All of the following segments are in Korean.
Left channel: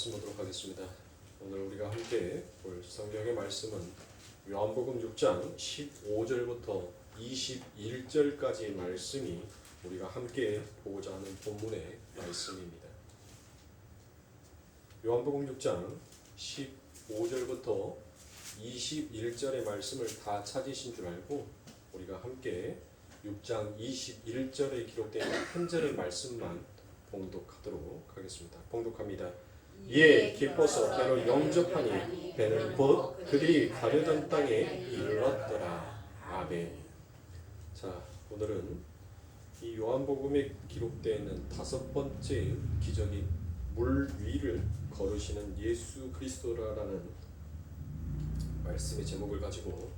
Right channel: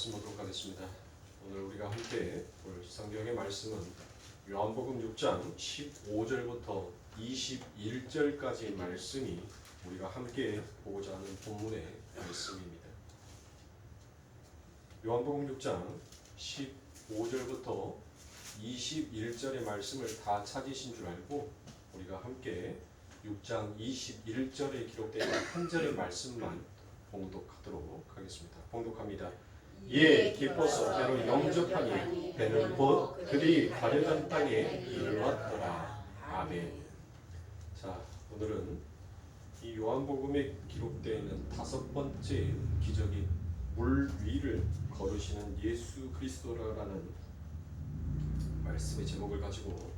말씀 보도록 하겠습니다. 오늘 우리가 함께 볼 성경의 말씀은 요한복음 6장 15절부터 21절까지의 말씀이 우리가 함께 보고자 하는 본문의 말씀입니다. 요한복음 6장 15절부터 21절의 말씀을 다 찾으신 줄 알고 우리가 함께 6장 21절에 기록된 한 절의 말씀만 봉독하도록 하겠습니다. 봉독합니다. 이에 기뻐서 배로 영접하니 배는 곧 그들이 가려던 땅에 이르렀더라. 아멘. 자, 오늘은 이 요한복음에 기록되어 있는 다섯 번째 기적이 물 위를 걸으시는 예수 그리스도라는 말씀의 제목을 가지고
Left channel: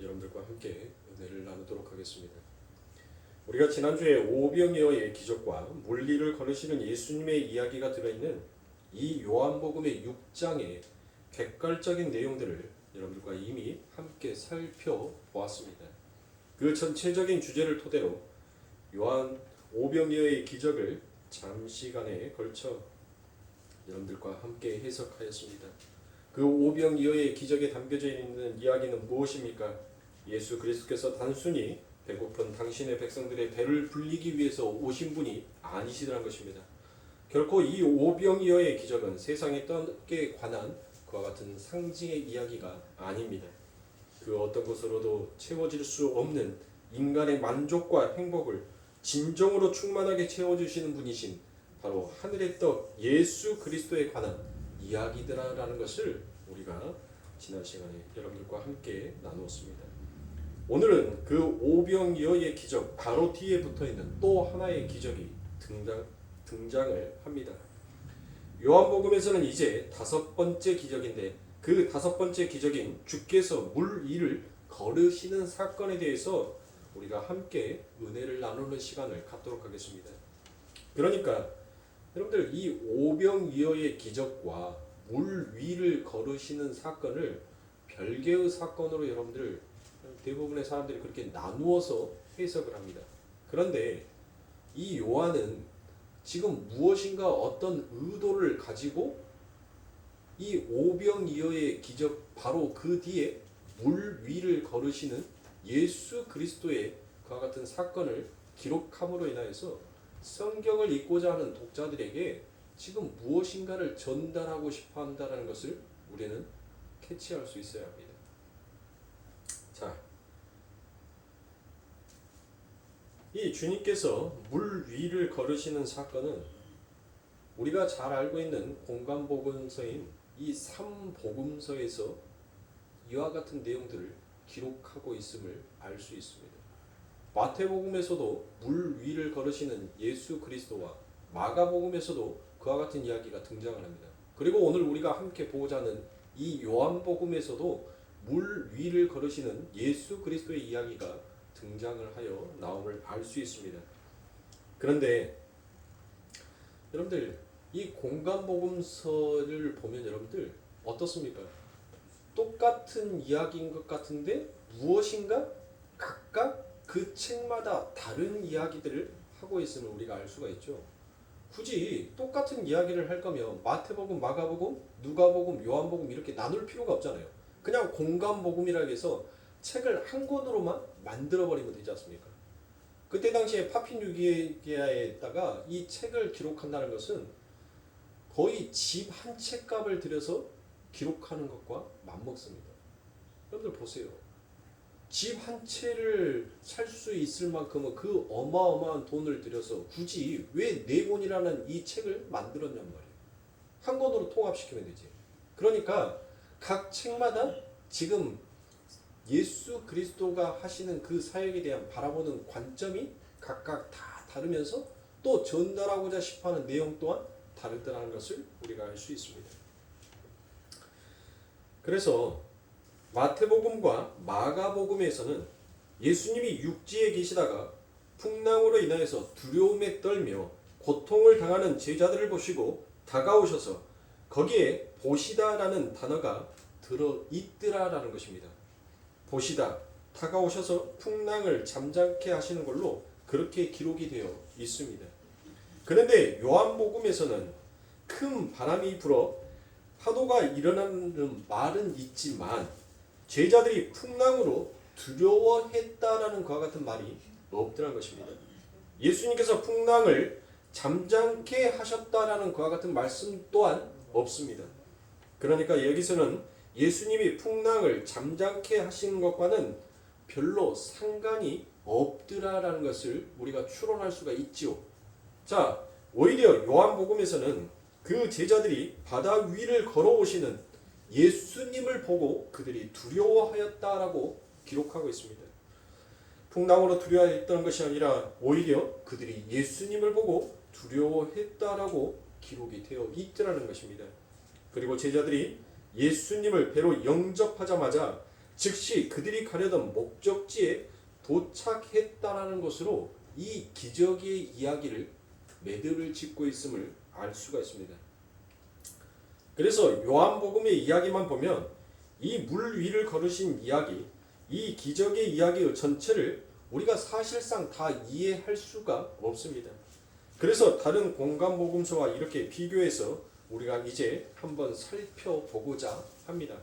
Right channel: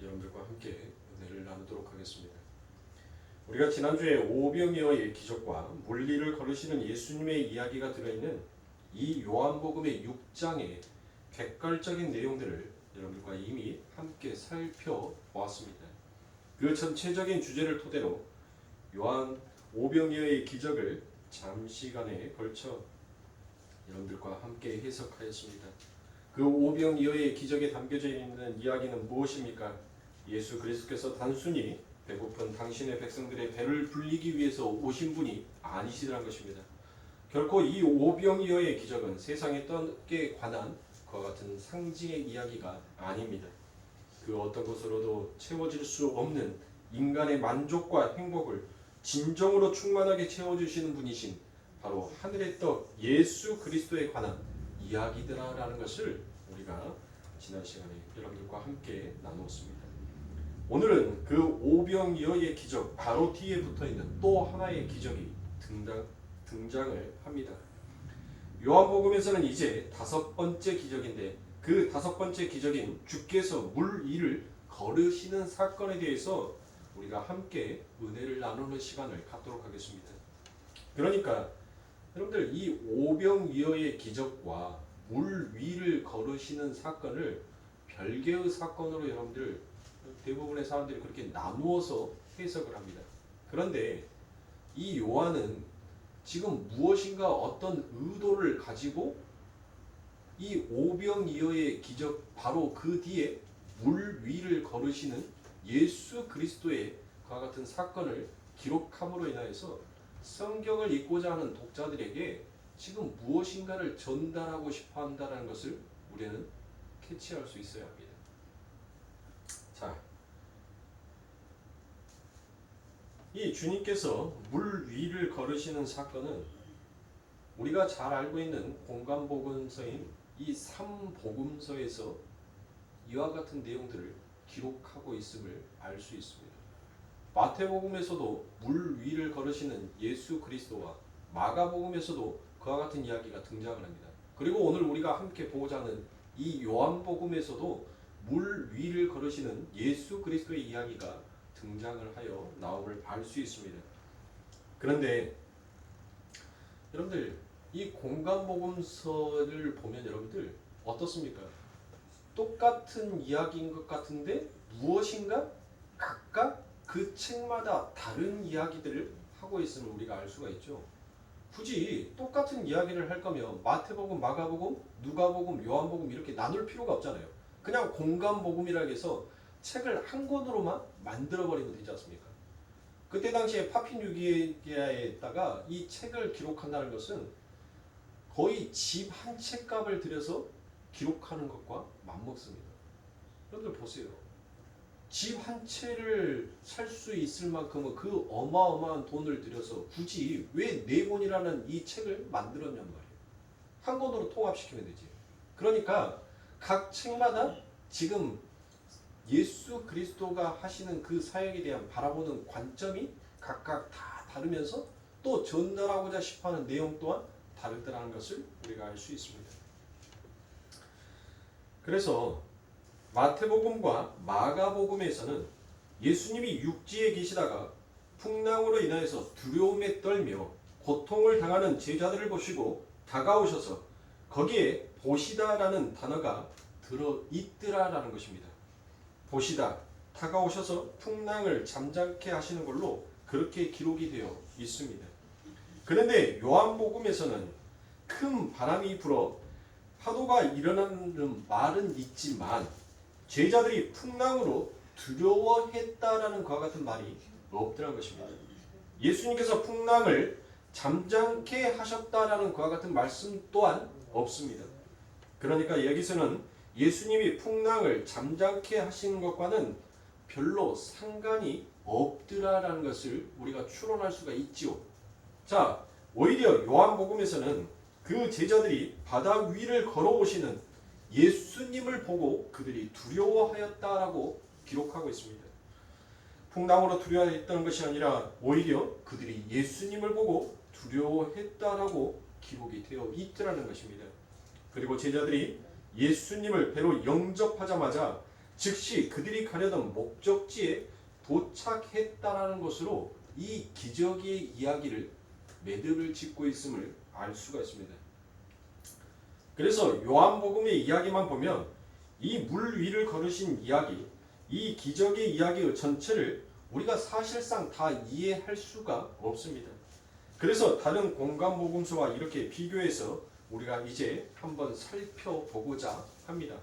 여러분들과 함께 은혜를 나누도록 하겠습니다. 우리가 지난주에 오병이어의 기적과 물 위를 걸으시는 예수님의 이야기가 들어있는 이 요한복음의 6장의 객관적인 내용들을 여러분들과 이미 함께 살펴보았습니다. 그 전체적인 주제를 토대로 요한 오병이어의 기적을 장시간에 걸쳐 여러분들과 함께 해석하였습니다. 그 오병이어의 기적에 담겨져 있는 이야기는 무엇입니까? 예수 그리스도께서 단순히 배고픈 당신의 백성들의 배를 불리기 위해서 오신 분이 아니시더란 것입니다. 결코 이 오병이어의 기적은 세상의 떡에 관한 그와 같은 상징의 이야기가 아닙니다. 그 어떤 것으로도 채워질 수 없는 인간의 만족과 행복을 진정으로 충만하게 채워주시는 분이신 바로 하늘의 떡 예수 그리스도에 관한 이야기들이라는 것을 우리가 지난 시간에 여러분들과 함께 나누었습니다. 오늘은 그 오병이어의 기적 바로 뒤에 붙어있는 또 하나의 기적이 등장을 합니다. 요한복음에서는 이제 다섯 번째 기적인데 그 다섯 번째 기적인 주께서 물 위를 걸으시는 사건에 대해서 우리가 함께 은혜를 나누는 시간을 갖도록 하겠습니다. 그러니까 여러분들 이 오병이어의 기적과 물 위를 걸으시는 사건을 별개의 사건으로 여러분들 대부분의 사람들이 그렇게 나누어서 해석을 합니다. 그런데 이 요한은 지금 무엇인가 어떤 의도를 가지고 이 오병이어의 기적 바로 그 뒤에 물 위를 걸으시는 예수 그리스도의 그와 같은 사건을 기록함으로 인하여서 성경을 읽고자 하는 독자들에게 지금 무엇인가를 전달하고 싶어 한다는 것을 우리는 캐치할 수 있어야 합니다. 자, 이 주님께서 물 위를 걸으시는 사건은 우리가 잘 알고 있는 공간복음서인 이 3복음서에서 이와 같은 내용들을 기록하고 있음을 알 수 있습니다. 마태복음에서도 물 위를 걸으시는 예수 그리스도와 마가복음에서도 그와 같은 이야기가 등장을 합니다. 그리고 오늘 우리가 함께 보고자 하는 이 요한복음에서도 물 위를 걸으시는 예수 그리스도의 이야기가 등장을 하여 나옴을 알 수 있습니다. 그런데 여러분들 이 공간복음서를 보면 여러분들 어떻습니까? 똑같은 이야기인 것 같은데 무엇인가 각각 그 책마다 다른 이야기들을 하고 있음을 우리가 알 수가 있죠. 굳이 똑같은 이야기를 할 거면 마태복음, 마가복음, 누가복음, 요한복음 이렇게 나눌 필요가 없잖아요. 그냥 공간복음이라고 해서 책을 한 권으로만 만들어버리면 되지 않습니까? 그때 당시에 파피누기아에다가 이 책을 기록한다는 것은 거의 집 한 채 값을 들여서 기록하는 것과 맞먹습니다. 여러분들 보세요. 집 한 채를 살 수 있을 만큼은 그 어마어마한 돈을 들여서 굳이 왜 네 권이라는 이 책을 만들었냔 말이에요. 한 권으로 통합시키면 되지. 그러니까 각 책마다 지금 예수 그리스도가 하시는 그 사역에 대한 바라보는 관점이 각각 다 다르면서 또 전달하고자 싶어하는 내용 또한 다르다는 것을 우리가 알 수 있습니다. 그래서 마태복음과 마가복음에서는 예수님이 육지에 계시다가 풍랑으로 인하여서 두려움에 떨며 고통을 당하는 제자들을 보시고 다가오셔서 거기에 보시다라는 단어가 들어있더라라는 것입니다. 보시다, 다가오셔서 풍랑을 잠잠케 하시는 걸로 그렇게 기록이 되어 있습니다. 그런데 요한복음에서는 큰 바람이 불어 파도가 일어나는 말은 있지만 제자들이 풍랑으로 두려워했다라는 그와 같은 말이 없더라는 것입니다. 예수님께서 풍랑을 잠잠케 하셨다라는 그와 같은 말씀 또한 없습니다. 그러니까 여기서는 예수님이 풍랑을 잠잠케 하시는 것과는 별로 상관이 없더라라는 것을 우리가 추론할 수가 있지요. 자, 오히려 요한복음에서는 그 제자들이 바다 위를 걸어오시는 예수님을 보고 그들이 두려워하였다라고 기록하고 있습니다. 풍랑으로 두려워했던 것이 아니라 오히려 그들이 예수님을 보고 두려워했다라고 기록이 되어 있더라는 것입니다. 그리고 제자들이 예수님을 배로 영접하자마자 즉시 그들이 가려던 목적지에 도착했다라는 것으로 이 기적의 이야기를 매듭을 짓고 있음을 알 수가 있습니다. 그래서 요한복음의 이야기만 보면 이 물 위를 걸으신 이야기, 이 기적의 이야기의 전체를 우리가 사실상 다 이해할 수가 없습니다. 그래서 다른 공간복음서와 이렇게 비교해서 우리가 이제 한번 살펴보고자 합니다.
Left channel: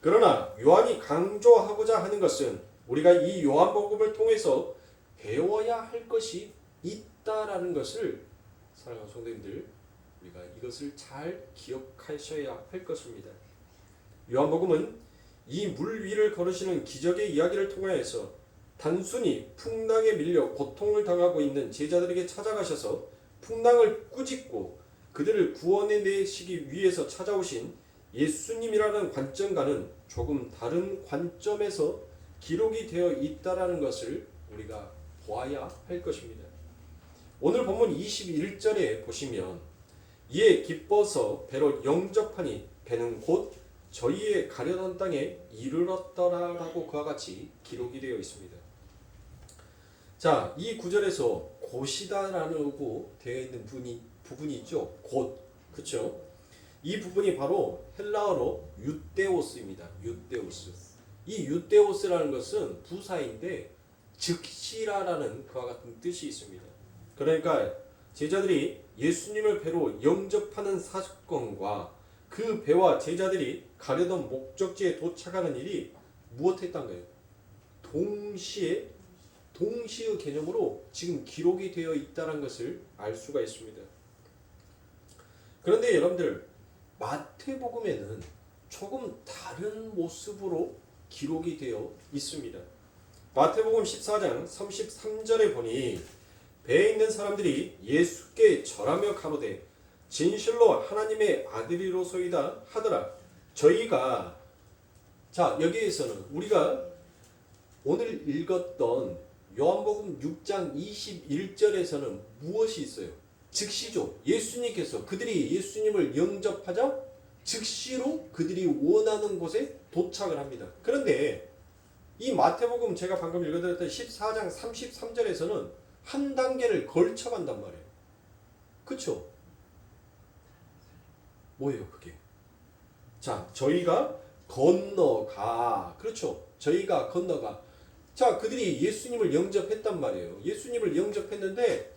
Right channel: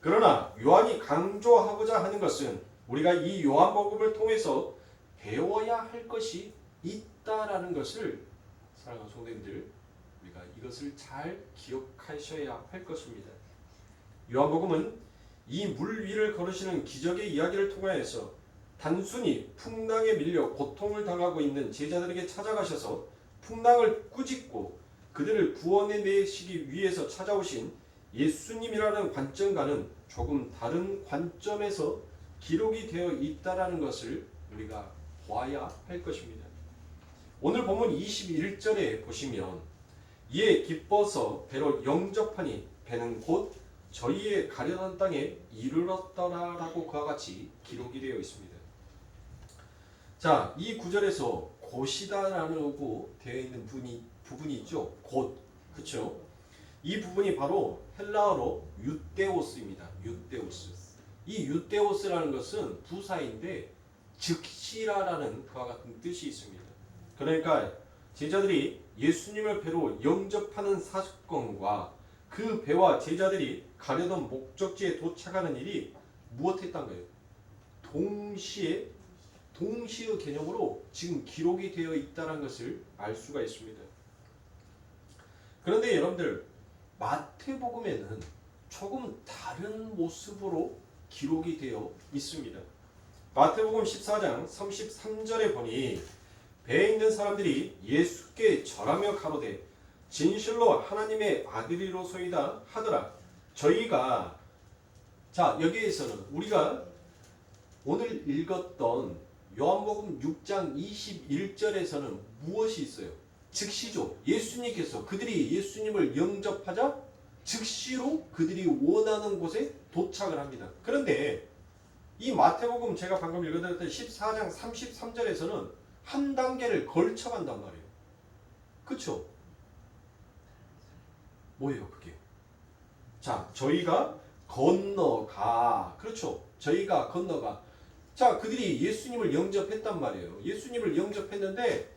그러나 요한이 강조하고자 하는 것은 우리가 이 요한복음을 통해서 배워야 할 것이 있다라는 것을 사랑하는 성도님들, 우리가 이것을 잘 기억하셔야 할 것입니다. 요한복음은 이 물 위를 걸으시는 기적의 이야기를 통하여서 단순히 풍랑에 밀려 고통을 당하고 있는 제자들에게 찾아가셔서 풍랑을 꾸짖고 그들을 구원해 내시기 위해서 찾아오신 예수님이라는 관점과는 조금 다른 관점에서 기록이 되어 있다라는 것을 우리가 보아야 할 것입니다. 오늘 본문 21절에 보시면 이에 기뻐서 배로 영접하니 배는 곧 저희의 가려던 땅에 이르렀더라라고 그와 같이 기록이 되어 있습니다. 자, 이 구절에서 곧이다라고 되어 있는 부분이 있죠. 곧, 그렇죠? 이 부분이 바로 헬라어로 유데오스입니다. 유데오스. 이 유데오스라는 것은 부사인데 즉시라라는 그와 같은 뜻이 있습니다. 그러니까 제자들이 예수님을 배로 영접하는 사건과 그 배와 제자들이 가려던 목적지에 도착하는 일이 무엇했던가요? 동시의 개념으로 지금 기록이 되어 있다는 것을 알 수가 있습니다. 그런데 여러분들 마태복음에는 조금 다른 모습으로 기록이 되어 있습니다. 마태복음 14장 33절에 보니 배에 있는 사람들이 예수께 절하며 가로되 진실로 하나님의 아들이로소이다 하더라. 저희가 자 여기에서는 우리가 오늘 읽었던 요한복음 6장 21절에서는 무엇이 있어요? 즉시죠. 예수님께서 그들이 예수님을 영접하자 즉시로 그들이 원하는 곳에 도착을 합니다. 그런데 이 마태복음 제가 방금 읽어드렸던 14장 33절에서는 한 단계를 걸쳐간단 말이에요. 그쵸? 뭐예요 그게? 자, 저희가 건너가. 그렇죠? 저희가 건너가. 자, 그들이 예수님을 영접했단 말이에요. 예수님을 영접했는데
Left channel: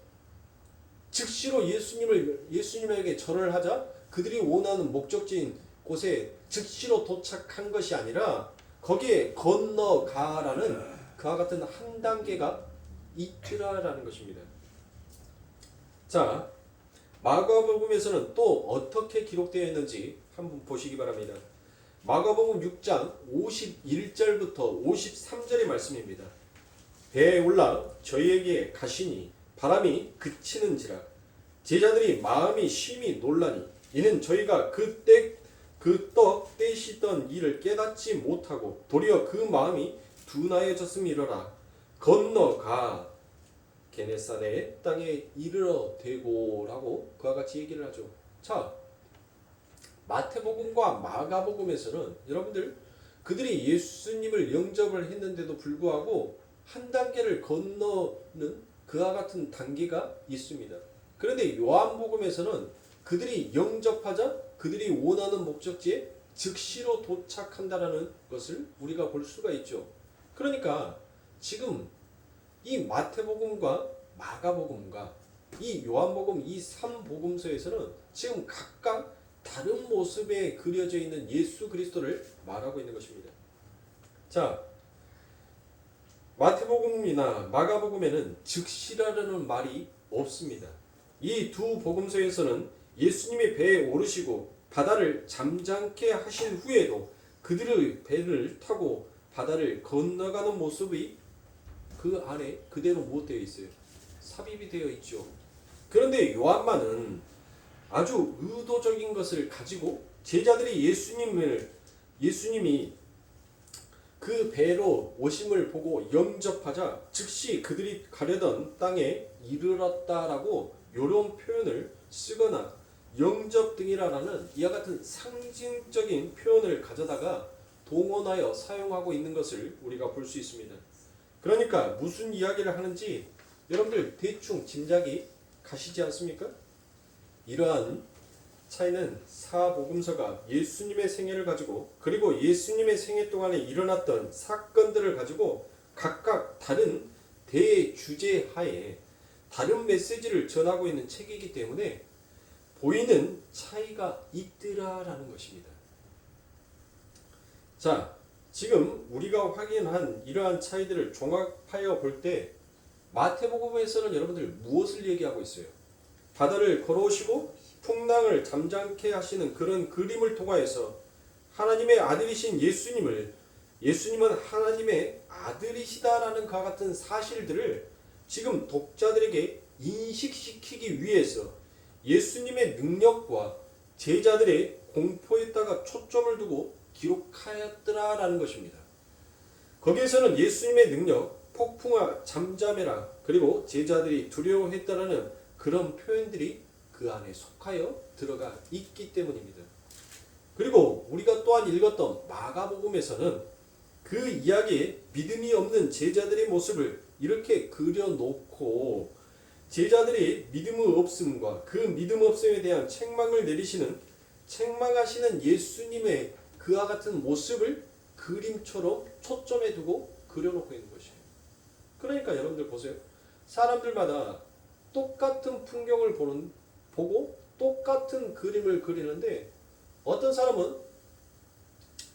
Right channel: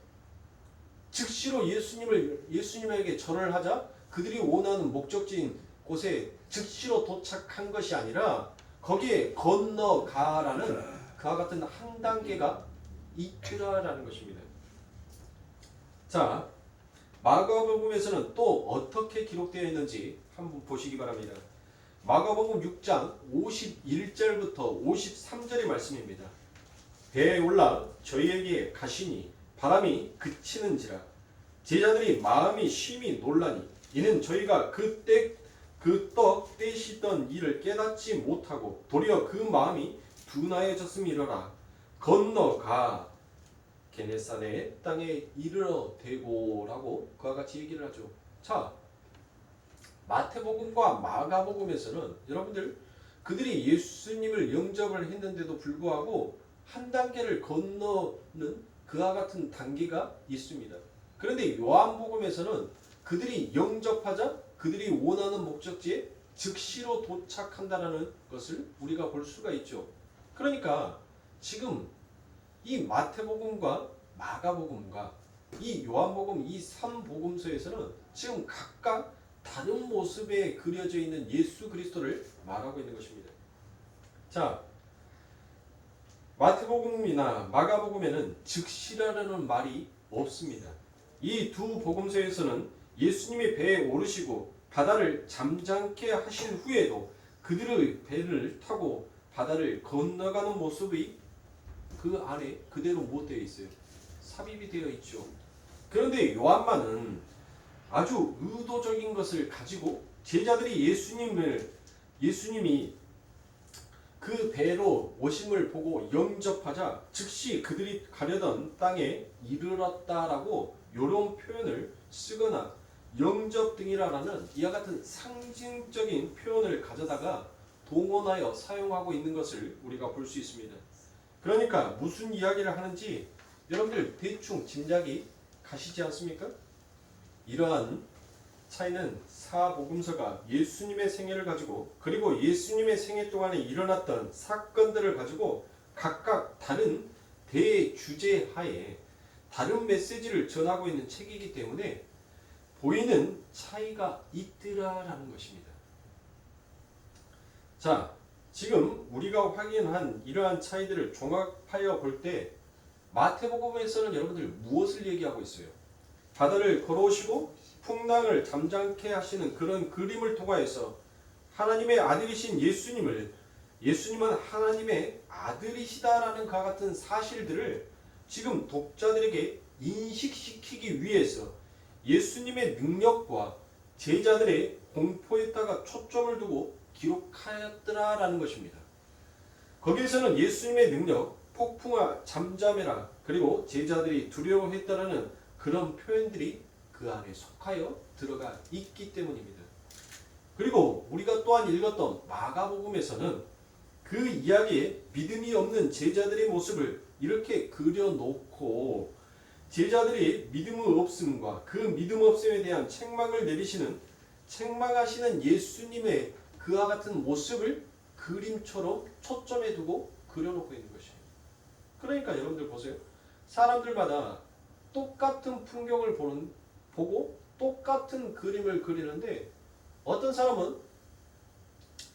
즉시로 예수님에게 절을 하자 그들이 원하는 목적지인 곳에 즉시로 도착한 것이 아니라 거기에 건너가라는 그와 같은 한 단계가 있더라라는 것입니다. 자, 마가복음에서는 또 어떻게 기록되어 있는지 한번 보시기 바랍니다. 마가복음 6장 51절부터 53절의 말씀입니다. 배에 올라 저희에게 가시니 바람이 그치는지라 제자들이 마음이 심히 놀라니 이는 저희가 그 떡 떼시던 일을 깨닫지 못하고 도리어 그 마음이 둔하여졌음이로라. 건너가 게네사렛 땅에 이르러 대고라고 그와 같이 얘기를 하죠. 자, 마태복음과 마가복음에서는 여러분들 그들이 예수님을 영접을 했는데도 불구하고 한 단계를 건너는 그와 같은 단계가 있습니다. 그런데 요한복음에서는 그들이 영접하자 그들이 원하는 목적지에 즉시로 도착한다라는 것을 우리가 볼 수가 있죠. 그러니까 지금 이 마태복음과 마가복음과 이 요한복음 이 3복음서에서는 지금 각각 다른 모습에 그려져 있는 예수 그리스도를 말하고 있는 것입니다. 자, 마태복음이나 마가복음에는 즉시라는 말이 없습니다. 이 두 복음서에서는 예수님이 배에 오르시고 바다를 잠잠케 하신 후에도 그들의 배를 타고 바다를 건너가는 모습이 그 안에 그대로 못 되어 있어요. 삽입이 되어 있죠. 그런데 요한만은 아주 의도적인 것을 가지고 제자들이 예수님이 그 배로 오심을 보고 영접하자 즉시 그들이 가려던 땅에 이르렀다라고 이런 표현을 쓰거나 영접 등이라는 이와 같은 상징적인 표현을 가져다가 동원하여 사용하고 있는 것을 우리가 볼 수 있습니다. 그러니까 무슨 이야기를 하는지 여러분들 대충 짐작이 가시지 않습니까? 이러한 차이는 사복음서가 예수님의 생애를 가지고 그리고 예수님의 생애 동안에 일어났던 사건들을 가지고 각각 다른 대주제 하에 다른 메시지를 전하고 있는 책이기 때문에 보이는 차이가 있더라라는 것입니다. 자, 지금 우리가 확인한 이러한 차이들을 종합하여 볼 때 마태복음에서는 여러분들 무엇을 얘기하고 있어요? 바다를 걸어오시고 풍랑을 잠잠케 하시는 그런 그림을 통하여서 하나님의 아들이신 예수님은 하나님의 아들이시다라는 그와 같은 사실들을 지금 독자들에게 인식시키기 위해서 예수님의 능력과 제자들의 공포에다가 초점을 두고 기록하였더라라는 것입니다. 거기에서는 예수님의 능력, 폭풍아 잠잠해라, 그리고 제자들이 두려워했다라는 그런 표현들이 그 안에 속하여 들어가 있기 때문입니다. 그리고 우리가 또한 읽었던 마가복음에서는 그 이야기에 믿음이 없는 제자들의 모습을 이렇게 그려놓고 제자들이 믿음의 없음과 그 믿음 없음에 대한 책망하시는 예수님의 그와 같은 모습을 그림처럼 초점에 두고 그려놓고 있는 것이에요. 그러니까 여러분들 보세요. 사람들마다 똑같은 풍경을 보고 똑같은 그림을 그리는데 어떤 사람은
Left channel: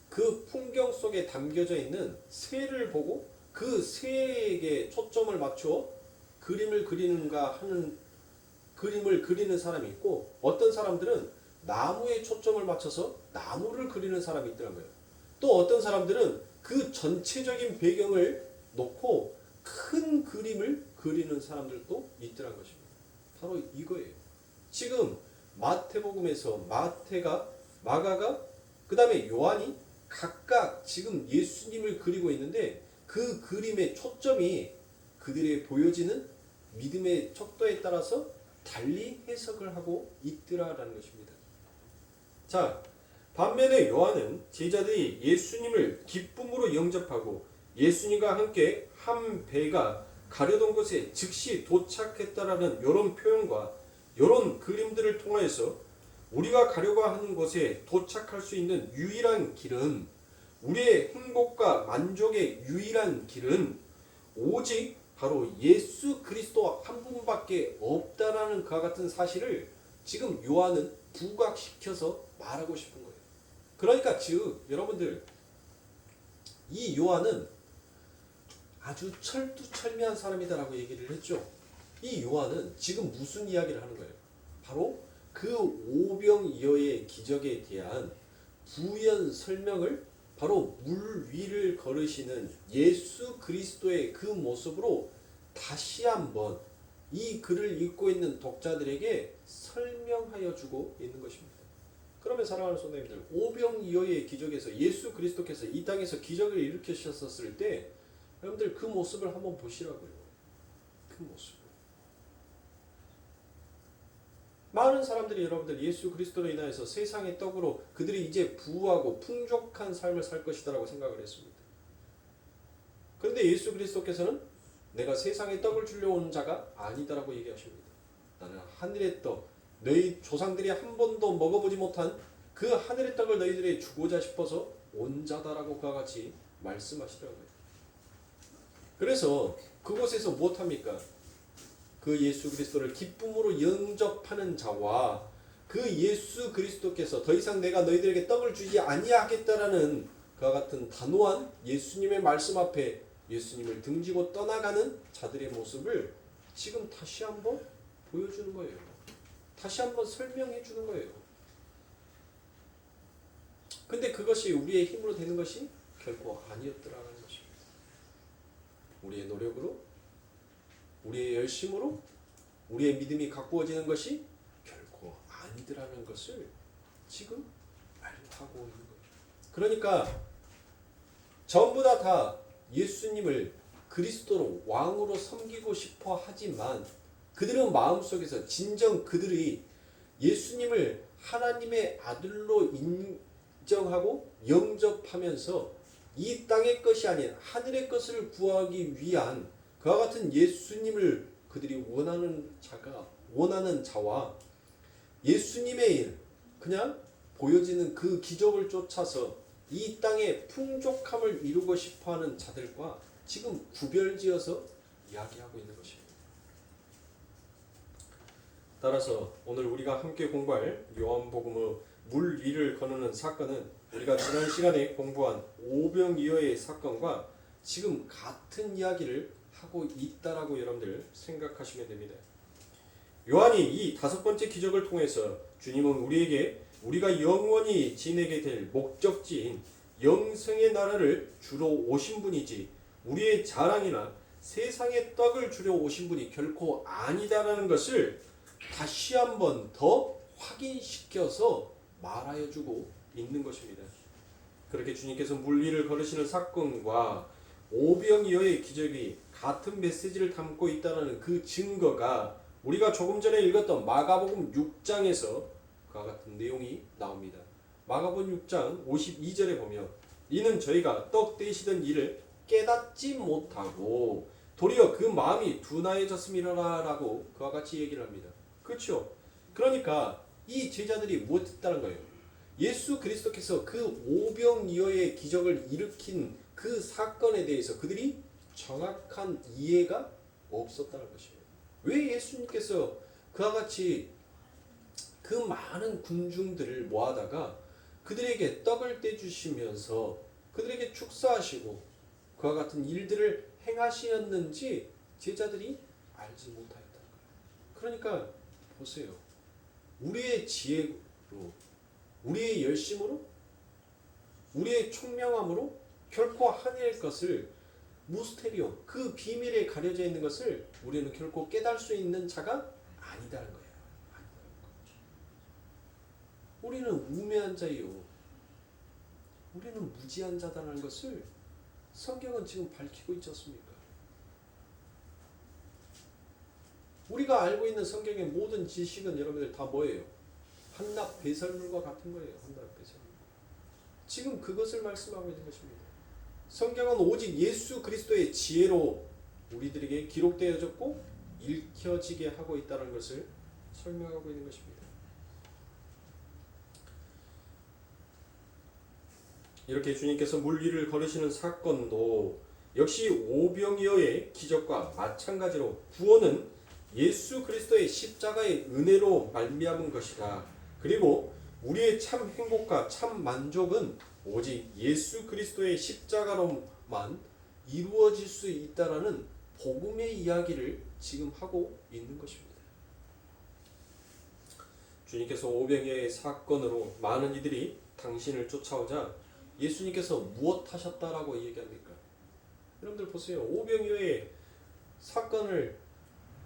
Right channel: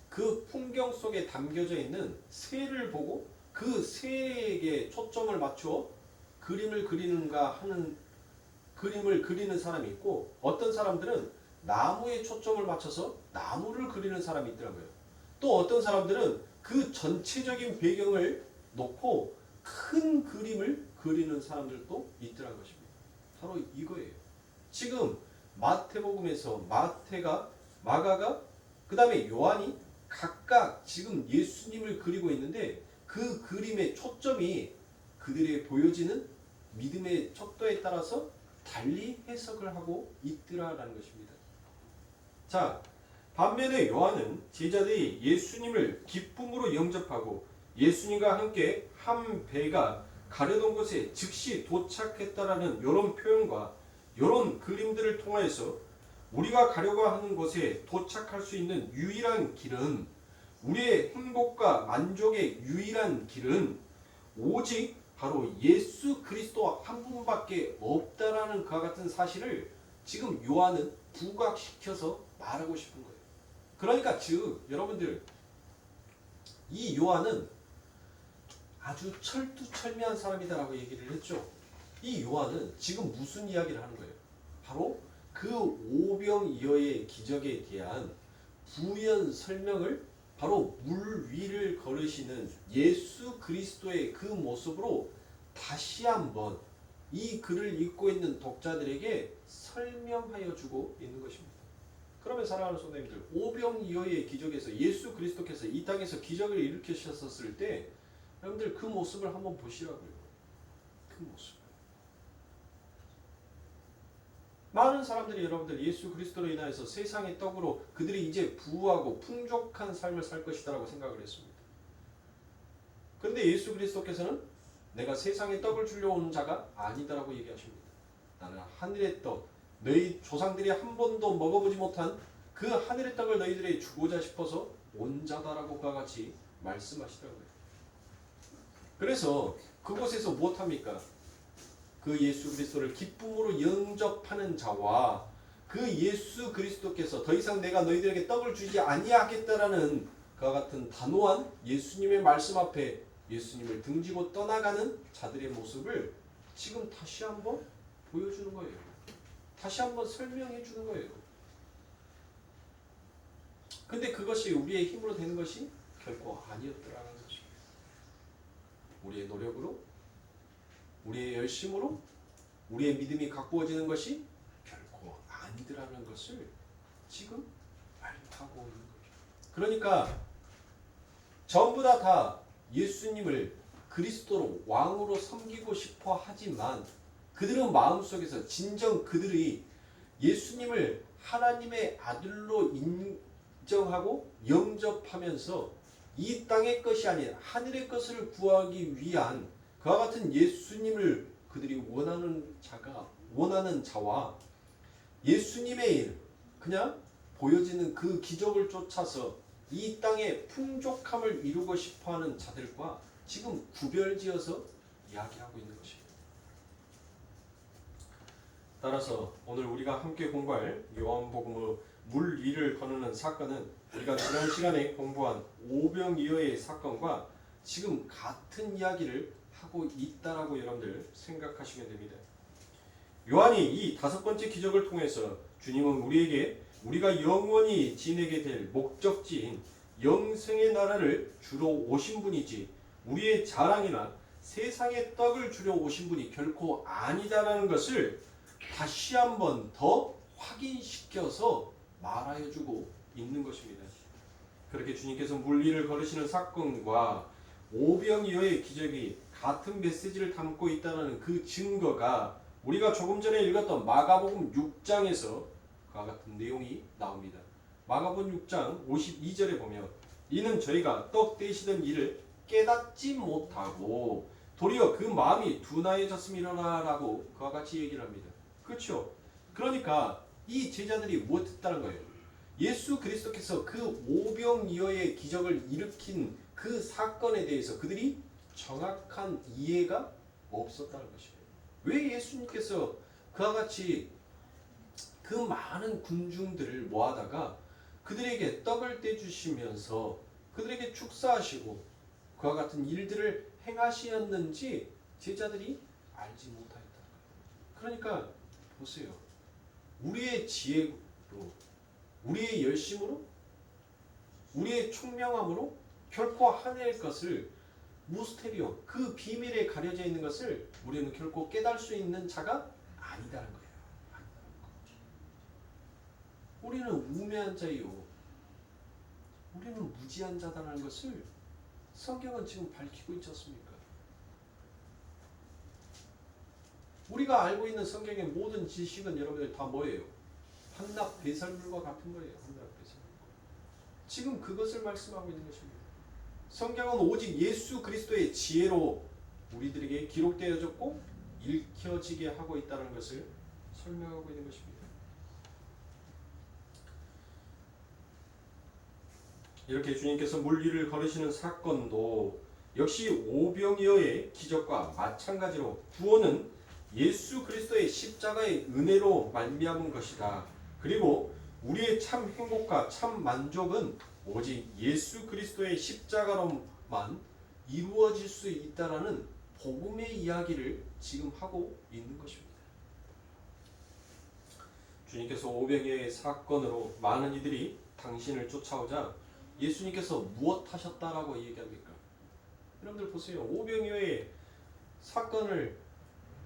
그 풍경 속에 담겨져 있는 새를 보고 그 새에게 초점을 맞춰 그림을 그리는가 하는 그림을 그리는 사람이 있고 어떤 사람들은 나무에 초점을 맞춰서 나무를 그리는 사람이 있더라고요. 또 어떤 사람들은 그 전체적인 배경을 놓고 큰 그림을 그리는 사람들도 있더라는 것입니다. 바로 이거예요. 지금 마태복음에서 마태가, 마가가, 그 다음에 요한이 각각 지금 예수님을 그리고 있는데 그 그림의 초점이 그들의 보여지는 믿음의 척도에 따라서 달리 해석을 하고 있더라라는 것입니다. 자, 반면에 요한은 제자들이 예수님을 기쁨으로 영접하고 예수님과 함께 한 배가 가려던 곳에 즉시 도착했다라는 이런 표현과 이런 그림들을 통해서 우리가 가려고 하는 곳에 도착할 수 있는 유일한 길은 우리의 행복과 만족의 유일한 길은 오직 바로 예수 그리스도 한 분밖에 없다라는 그와 같은 사실을 지금 요한은 부각시켜서 말하고 싶은 거예요. 그러니까 즉 여러분들 이 요한은 아주 철두철미한 사람이다라고 얘기를 했죠. 이 요한은 지금 무슨 이야기를 하는 거예요? 바로 그 오병이어의 기적에 대한 부연 설명을 바로 물 위를 걸으시는 예수 그리스도의 그 모습으로 다시 한번 이 글을 읽고 있는 독자들에게 설명하여 주고 있는 것입니다. 그러면 사랑하는 성도님들, 오병이어의 기적에서 예수 그리스도께서 이 땅에서 기적을 일으키셨을 때 여러분들 그 모습을 한번 보시라고요. 그 모습. 많은 사람들이 여러분들 예수 그리스도로 인하여서 세상의 떡으로 그들이 이제 부유하고 풍족한 삶을 살 것이다라고 생각을 했습니다. 그런데 예수 그리스도께서는 내가 세상의 떡을 주려고 온 자가 아니다라고 얘기하십니다. 나는 하늘의 떡, 너희 조상들이 한 번도 먹어보지 못한 그 하늘의 떡을 너희들에게 주고자 싶어서 온 자다라고 그와 같이 말씀하시더라고요. 그래서 그곳에서 무엇합니까? 그 예수 그리스도를 기쁨으로 영접하는 자와 그 예수 그리스도께서 더 이상 내가 너희들에게 떡을 주지 아니하겠다라는 그와 같은 단호한 예수님의 말씀 앞에 예수님을 등지고 떠나가는 자들의 모습을 지금 다시 한번 보여주는 거예요. 다시 한번 설명해 주는 거예요. 근데 그것이 우리의 힘으로 되는 것이 결코 아니었더라는 것입니다. 우리의 노력으로, 우리의 열심으로, 우리의 믿음이 가꾸어지는 것이 결코 아니더라는 것을 지금 알고 있는 거죠. 그러니까 전부 다 예수님을 그리스도로 왕으로 섬기고 싶어 하지만 그들은 마음속에서 진정 그들이 예수님을 하나님의 아들로 인정하고 영접하면서 이 땅의 것이 아닌 하늘의 것을 구하기 위한 그와 같은 예수님을 그들이 원하는 자와 예수님의 일, 그냥 보여지는 그 기적을 쫓아서 이 땅의 풍족함을 이루고 싶어하는 자들과 지금 구별지어서 이야기하고 있는 것입니다. 따라서 오늘 우리가 함께 공부할 요한복음의 물 위를 거느는 사건은 우리가 지난 시간에 공부한 오병이어의 사건과 지금 같은 이야기를 하고 있다라고 여러분들 생각하시면 됩니다. 요한이 이 5번째 기적을 통해서 주님은 우리에게 우리가 영원히 지내게 될 목적지인 영생의 나라를 주러 오신 분이지 우리의 자랑이나 세상의 떡을 주려 오신 분이 결코 아니다라는 것을 다시 한번 더 확인시켜서 말하여주고 있는 것입니다. 그렇게 주님께서 물 위를 걸으시는 사건과 오병이어의 기적이 같은 메시지를 담고 있다는 그 증거가 우리가 조금 전에 읽었던 마가복음 6장에서 그와 같은 내용이 나옵니다. 마가복음 6장 52절에 보면 이는 저희가 떡 떼시던 일을 깨닫지 못하고 도리어 그 마음이 둔하여졌음이라라고 그와 같이 얘기를 합니다. 그렇죠? 그러니까 이 제자들이 못했다는 거예요. 예수 그리스도께서 그 오병이어의 기적을 일으킨 그 사건에 대해서 그들이 정확한 이해가 없었다는 것입니다. 왜 예수님께서 그와 같이 그 많은 군중들을 모아다가 그들에게 떡을 떼주시면서 그들에게 축사하시고 그와 같은 일들을 행하시었는지 제자들이 알지 못하였다는 거예요. 그러니까 보세요. 우리의 지혜로, 우리의 열심으로, 우리의 총명함으로 결코 하나님의 것을 무스테리오, 그 비밀에 가려져 있는 것을 우리는 결코 깨달을 수 있는 자가 아니다는 거예요. 우리는 우매한 자요. 우리는 무지한 자다라는 것을 성경은 지금 밝히고 있지 않습니까? 우리가 알고 있는 성경의 모든 지식은 여러분들 다 뭐예요? 한낱 배설물과 같은 거예요. 한낱 배설물. 지금 그것을 말씀하고 있는 것입니다. 성경은 오직 예수 그리스도의 지혜로 우리들에게 기록되어졌고 읽혀지게 하고 있다는 것을 설명하고 있는 것입니다. 이렇게 주님께서 물 위를 걸으시는 사건도 역시 오병이어의 기적과 마찬가지로 구원은 예수 그리스도의 십자가의 은혜로 말미암은 것이다. 그리고 우리의 참 행복과 참 만족은 오직 예수 그리스도의 십자가로만 이루어질 수 있다라는 복음의 이야기를 지금 하고 있는 것입니다. 주님께서 오병이어의 사건으로 많은 이들이 당신을 쫓아오자 예수님께서 무엇 하셨다라고 얘기합니까? 여러분들 보세요. 오병이어의 사건을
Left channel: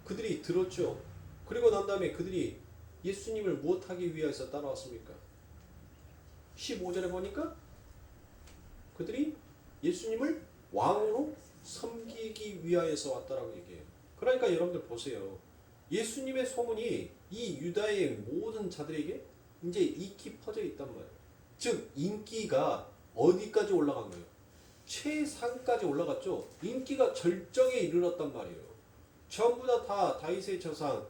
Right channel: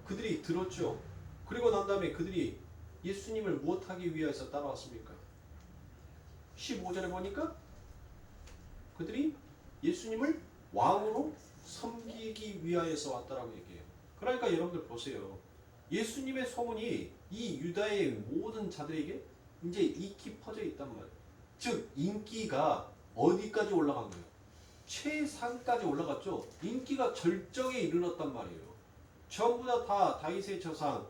그들이 들었죠. 그리고 난 다음에 그들이 예수님을 무엇하기 위해서 따라왔습니까? 15절에 보니까 그들이 예수님을 왕으로 섬기기 위하여서 왔다라고 얘기해요. 그러니까 여러분들 보세요. 예수님의 소문이 이 유다의 모든 자들에게 이제 익히 퍼져 있단 말이에요. 즉 인기가 어디까지 올라간 거예요? 최상까지 올라갔죠. 인기가 절정에 이르렀단 말이에요. 전부 다 다윗의 조상,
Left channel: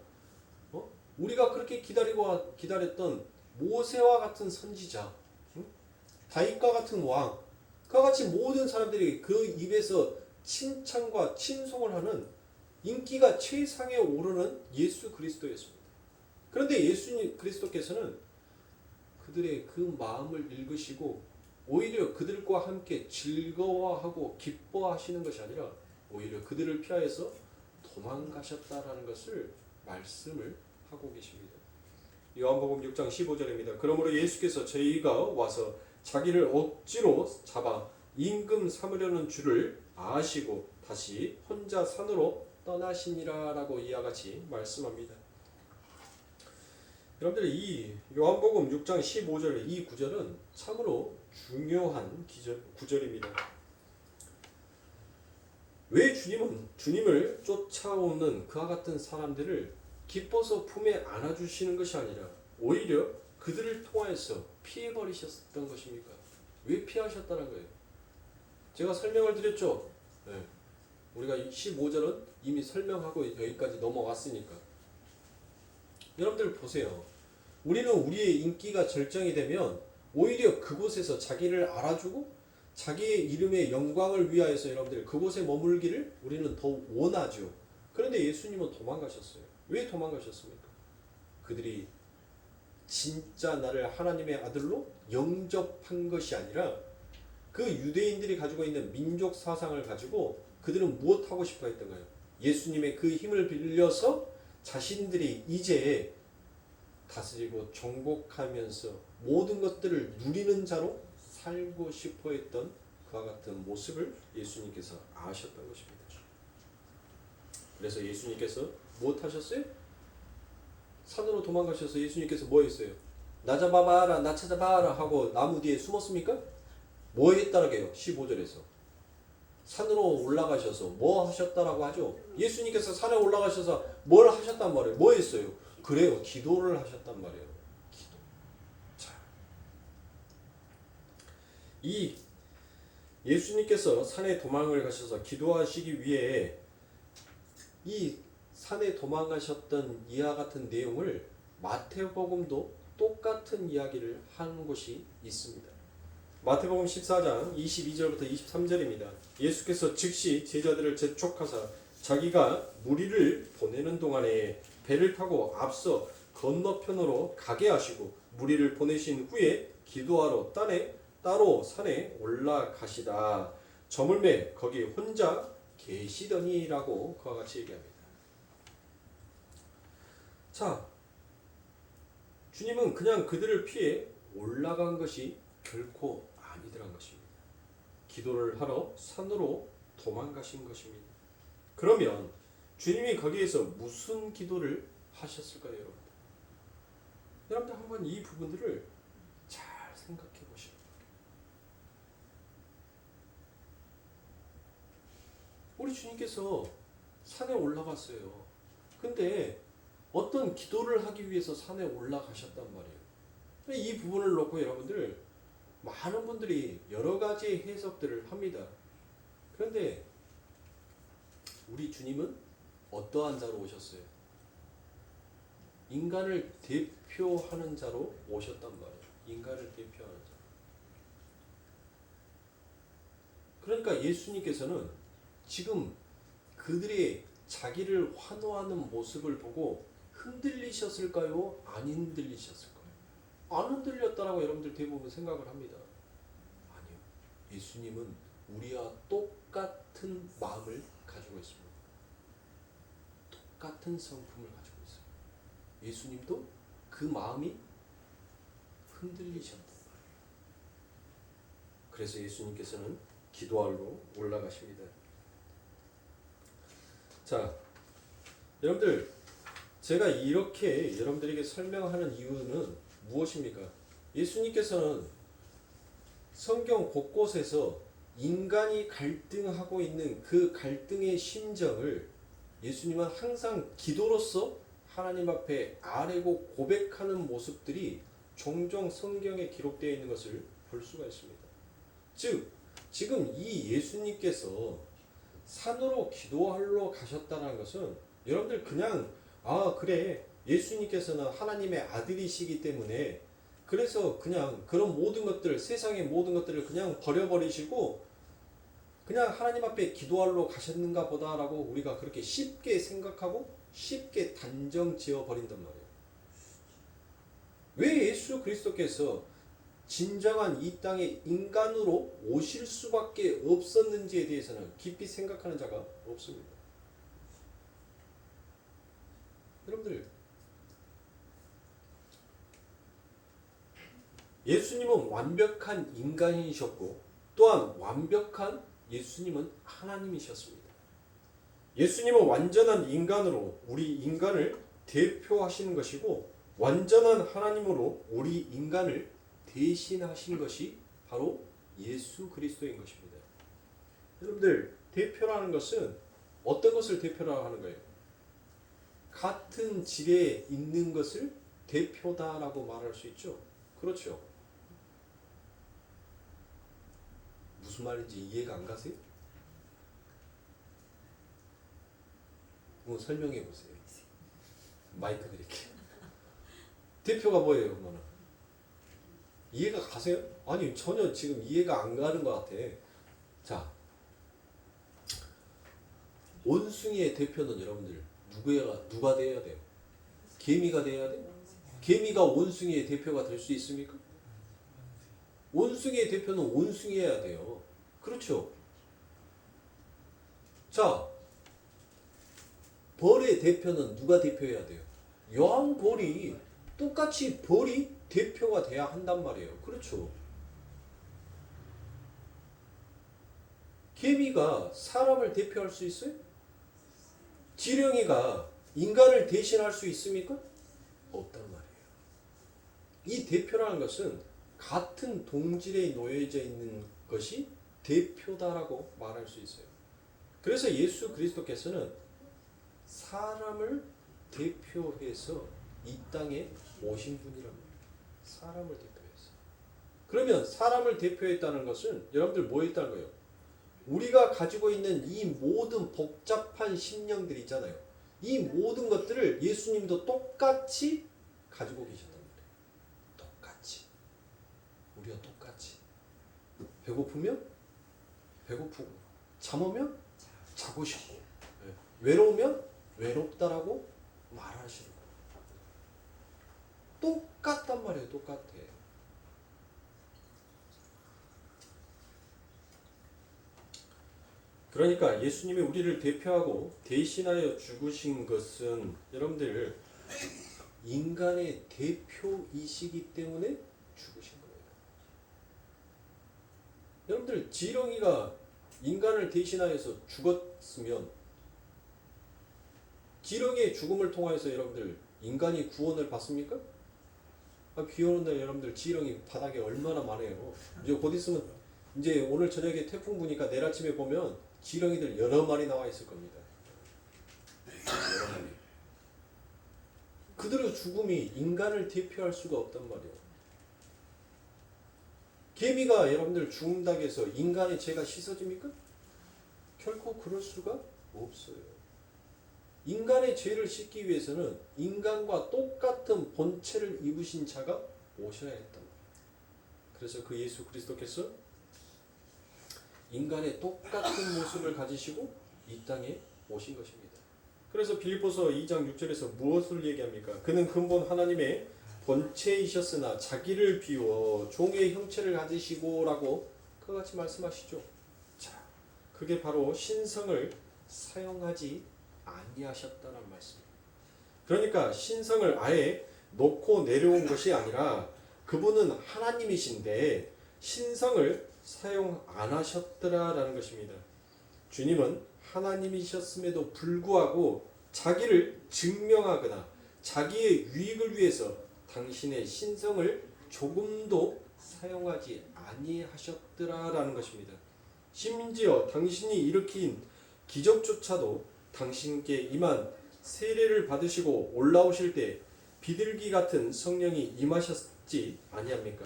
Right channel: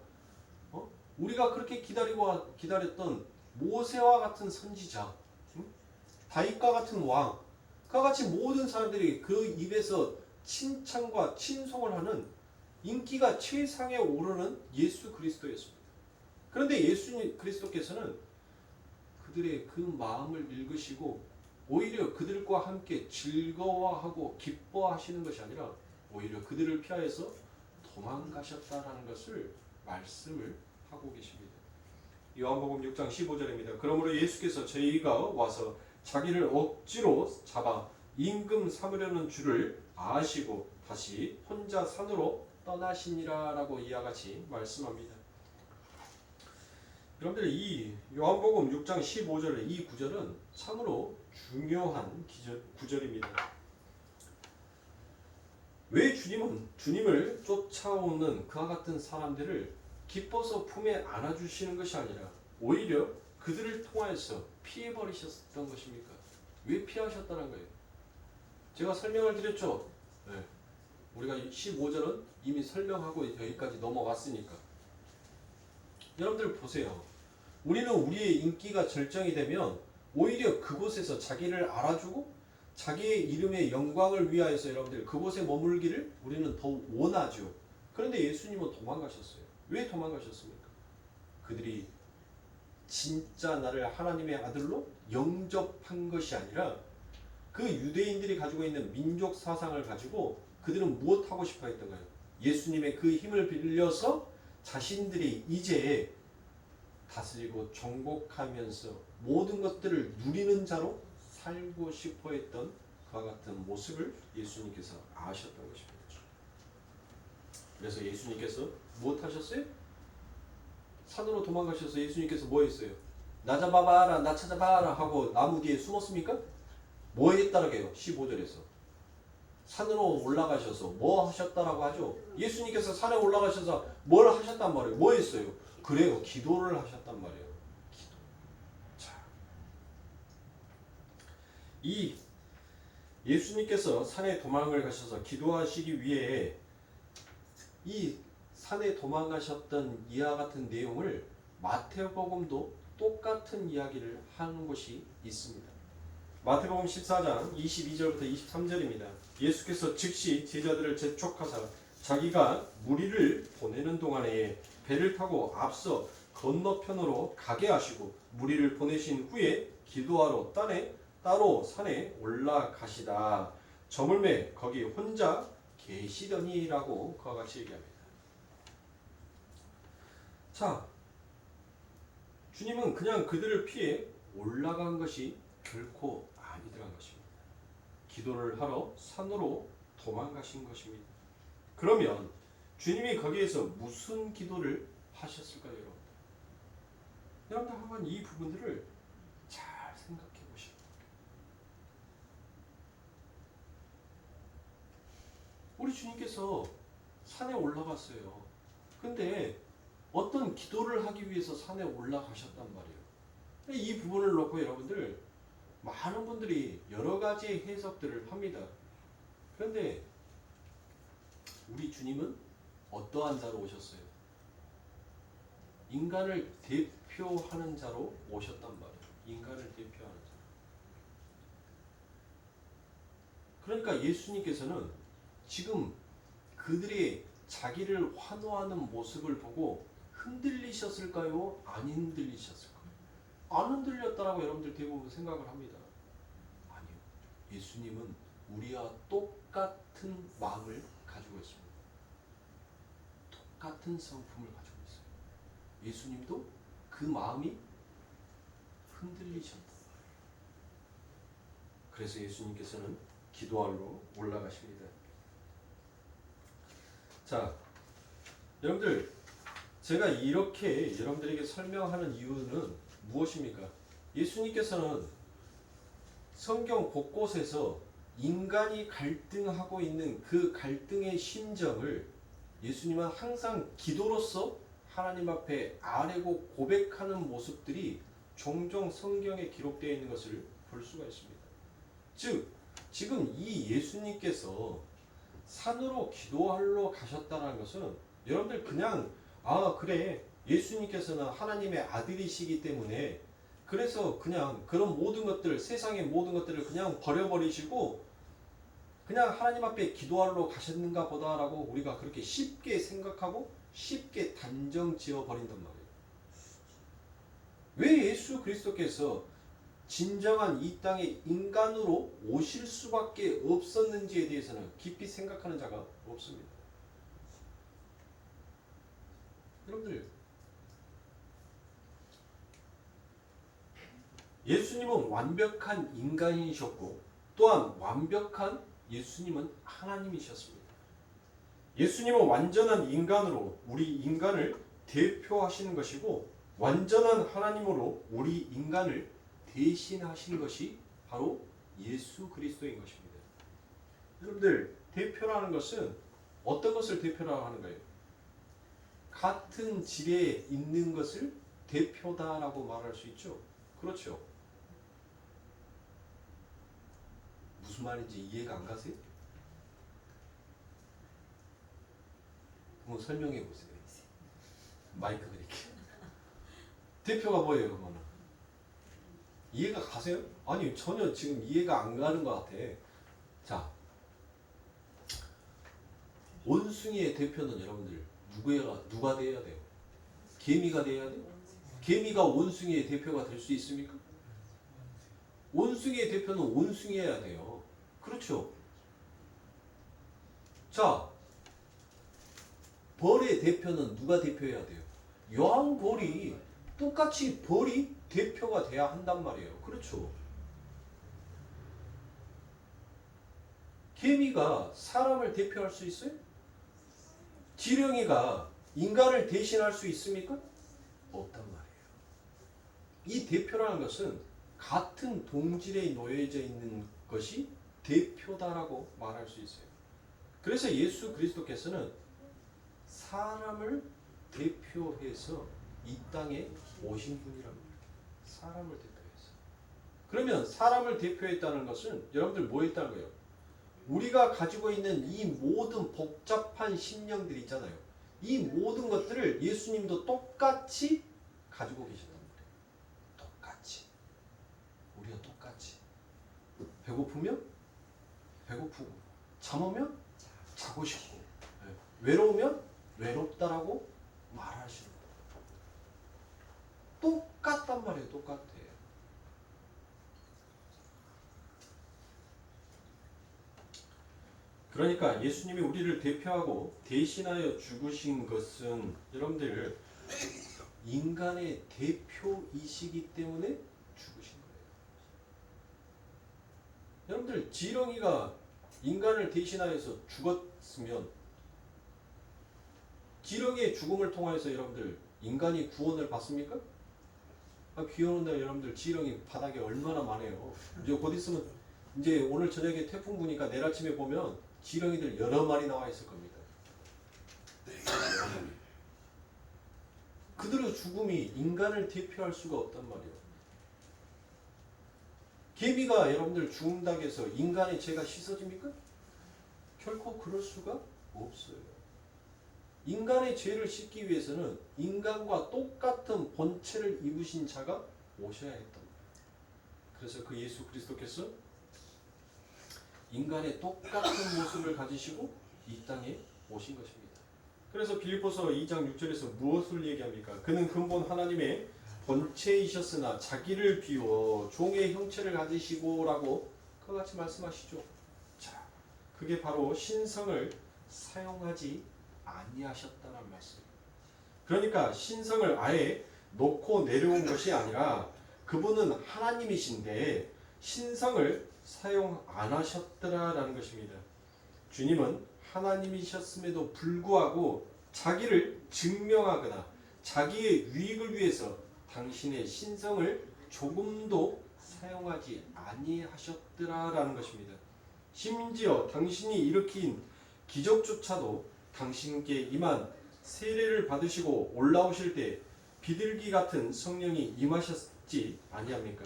우리가 그렇게 기다렸던 모세와 같은 선지자, 다윗과 같은 왕, 그와 같이 모든 사람들이 그 입에서 칭찬과 친송을 하는 인기가 최상에 오르는 예수 그리스도였습니다. 그런데 예수님 그리스도께서는 그들의 그 마음을 읽으시고 오히려 그들과 함께 즐거워하고 기뻐하시는 것이 아니라 오히려 그들을 피하여서 도망가셨다라는 것을 말씀을 하고 계십니다. 요한복음 6장 15절입니다. 그러므로 예수께서 저희가 와서 자기를 억지로 잡아 임금 삼으려는 줄을 아시고 다시 혼자 산으로 떠나시니라라고 이와 같이 말씀합니다. 여러분들 이 요한복음 6장 15절 이 구절은 참으로 중요한 구절입니다. 왜 주님은 주님을 쫓아오는 그와 같은 사람들을 기뻐서 품에 안아주시는 것이 아니라 오히려 그들을 통하여서 피해버리셨던 것입니까? 왜 피하셨다는 거예요? 제가 설명을 드렸죠. 네. 우리가 15절은 이미 설명하고 여기까지 넘어왔으니까. 여러분들 보세요. 우리는 우리의 인기가 절정이 되면 오히려 그곳에서 자기를 알아주고 자기의 이름의 영광을 위하여서 여러분들 그곳에 머물기를 우리는 더 원하죠. 그런데 예수님은 도망가셨어요. 왜 도망가셨습니까? 그들이 진짜 나를 하나님의 아들로 영접한 것이 아니라 그 유대인들이 가지고 있는 민족 사상을 가지고 그들은 무엇하고 싶어 했던가요? 예수님의 그 힘을 빌려서 자신들이 이제 다스리고 정복하면서 모든 것들을 누리는 자로 살고 싶어 했던 그와 같은 모습을 예수님께서 아셨던 것입니다. 그래서 예수님께서 무엇 하셨어요? 산으로 도망가셔서 예수님께서 뭐 했어요? 나 잡아봐라, 나 찾아봐라 하고 나무 뒤에 숨었습니까? 뭐 했다라고요? 15절에서 산으로 올라가셔서 뭐 하셨다라고 하죠? 예수님께서 산에 올라가셔서 뭘 하셨단 말이에요? 뭐 했어요? 그래요, 기도를 하셨단 말이에요. 기도. 자, 이 예수님께서 산에 도망을 가셔서 기도하시기 위해 이 산에 도망가셨던 이와 같은 내용을 마태복음도 똑같은 이야기를 하는 곳이 있습니다. 마태복음 14장 22절부터 23절입니다. 예수께서 즉시 제자들을 재촉하사 자기가 무리를 보내는 동안에 배를 타고 앞서 건너편으로 가게 하시고 무리를 보내신 후에 기도하러 따로 산에 올라가시다. 저물매 거기 혼자 계시더니라고 그와 같이 얘기합니다. 자, 주님은 그냥 그들을 피해 올라간 것이 결코 아니더란 것입니다. 기도를 하러 산으로 도망가신 것입니다. 그러면 주님이 거기에서 무슨 기도를 하셨을까요, 여러분? 여러분들 한번 이 부분들을 잘 생각해 보시고. 우리 주님께서 산에 올라갔어요. 근데 어떤 기도를 하기 위해서 산에 올라가셨단 말이에요. 이 부분을 놓고 여러분들 많은 분들이 여러 가지 해석들을 합니다. 그런데 우리 주님은 어떠한 자로 오셨어요? 인간을 대표하는 자로 오셨단 말이에요. 인간을 대표하는 자. 그러니까 예수님께서는 지금 그들의 자기를 환호하는 모습을 보고 흔들리셨을까요? 안 흔들리셨을까요? 안 흔들렸다라고 여러분들 대부분 생각을 합니다. 아니요. 예수님은 우리와 똑같은 마음을 가지고 있습니다. 똑같은 성품을 가지고 있어요. 예수님도 그 마음이 흔들리셨단 말이에요. 그래서 예수님께서는 기도하러 올라가십니다. 자, 여러분들 제가 이렇게 여러분들에게 설명하는 이유는 무엇입니까? 예수님께서는 성경 곳곳에서 인간이 갈등하고 있는 그 갈등의 심정을 예수님은 항상 기도로서 하나님 앞에 아뢰고 고백하는 모습들이 종종 성경에 기록되어 있는 것을 볼 수가 있습니다. 즉, 지금 이 예수님께서 산으로 기도하러 가셨다는 것은 여러분들 그냥 그래 예수님께서는 하나님의 아들이시기 때문에 그래서 그냥 그런 모든 것들 세상의 모든 것들을 그냥 버려버리시고 그냥 하나님 앞에 기도하러 가셨는가 보다라고 우리가 그렇게 쉽게 생각하고 쉽게 단정 지어 버린단 말이에요. 왜 예수 그리스도께서 진정한 이 땅에 인간으로 오실 수밖에 없었는지에 대해서는 깊이 생각하는 자가 없습니다. 여러분들, 예수님은 완벽한 인간이셨고 또한 완벽한 예수님은 하나님이셨습니다. 예수님은 완전한 인간으로 우리 인간을 대표하시는 것이고 완전한 하나님으로 우리 인간을 대신하신 것이 바로 예수 그리스도인 것입니다. 여러분들, 대표라는 것은 어떤 것을 대표라고 하는 거예요? 같은 질에 있는 것을 대표다라고 말할 수 있죠. 그렇죠. 무슨 말인지 이해가 안 가세요? 한번 설명해 보세요. 마이크 드릴게요. 대표가 뭐예요, 그러면? 이해가 가세요? 아니, 전혀 지금 이해가 안 가는 것 같아. 자, 원숭이의 대표는 여러분들 누가 돼야 돼요? 개미가 돼야 돼요? 개미가 원숭이의 대표가 될 수 있습니까? 원숭이의 대표는 원숭이여야 돼요. 그렇죠? 자, 벌의 대표는 누가 대표해야 돼요? 여왕벌이 똑같이 벌이 대표가 돼야 한단 말이에요. 그렇죠? 개미가 사람을 대표할 수 있어요? 지렁이가 인간을 대신할 수 있습니까? 없단 말이에요. 이 대표라는 것은 같은 동질에 놓여져 있는 것이 대표다라고 말할 수 있어요. 그래서 예수 그리스도께서는 사람을 대표해서 이 땅에 오신 분이란 말이에요. 사람을 대표해서. 그러면 사람을 대표했다는 것은 여러분들 뭐 했다는 거예요? 우리가 가지고 있는 이 모든 복잡한 심령들이 있잖아요. 이 모든 것들을 예수님도 똑같이 가지고 계셨단 말이에요. 똑같이. 우리가 똑같이. 배고프면 배고프고, 잠오면 자고 싶고, 외로우면 외롭다라고 말하시는 거예요. 똑같단 말이에요. 똑같아. 그러니까 예수님이 우리를 대표하고 대신하여 죽으신 것은 여러분들 인간의 대표이시기 때문에 죽으신 거예요. 여러분들, 지렁이가 인간을 대신하여서 죽었으면 지렁이의 죽음을 통하여서 여러분들 인간이 구원을 받습니까? 비 오는 날 여러분들 지렁이 바닥에 얼마나 많아요. 이제 곧 있으면 이제 오늘 저녁에 태풍 부니까 내일 아침에 보면 지렁이들 여러 마리 나와 있을 겁니다. 그들의 죽음이 인간을 대표할 수가 없단 말이에요. 개미가 여러분들 죽는다고 해서 인간의 죄가 씻어집니까? 결코 그럴 수가 없어요. 인간의 죄를 씻기 위해서는 인간과 똑같은 본체를 입으신 자가 오셔야 했단 말이에요. 그래서 그 예수 그리스도께서 인간의 똑같은 모습을 가지시고 이 땅에 오신 것입니다. 그래서 빌립보서 2장 6절에서 무엇을 얘기합니까? 그는 근본 하나님의 본체이셨으나 자기를 비워 종의 형체를 가지시고 라고 그와 같이 말씀하시죠. 자, 그게 바로 신성을 사용하지 아니하셨다는 말씀입니다. 그러니까 신성을 아예 놓고 내려온 것이 아니라 그분은 하나님이신데 신성을 사용 안 하셨더라라는 것입니다. 주님은 하나님이셨음에도 불구하고 자기를 증명하거나 자기의 유익을 위해서 당신의 신성을 조금도 사용하지 아니하셨더라라는 것입니다. 심지어 당신이 일으킨 기적조차도 당신께 임한 세례를 받으시고 올라오실 때 비둘기 같은 성령이 임하셨지 아니합니까?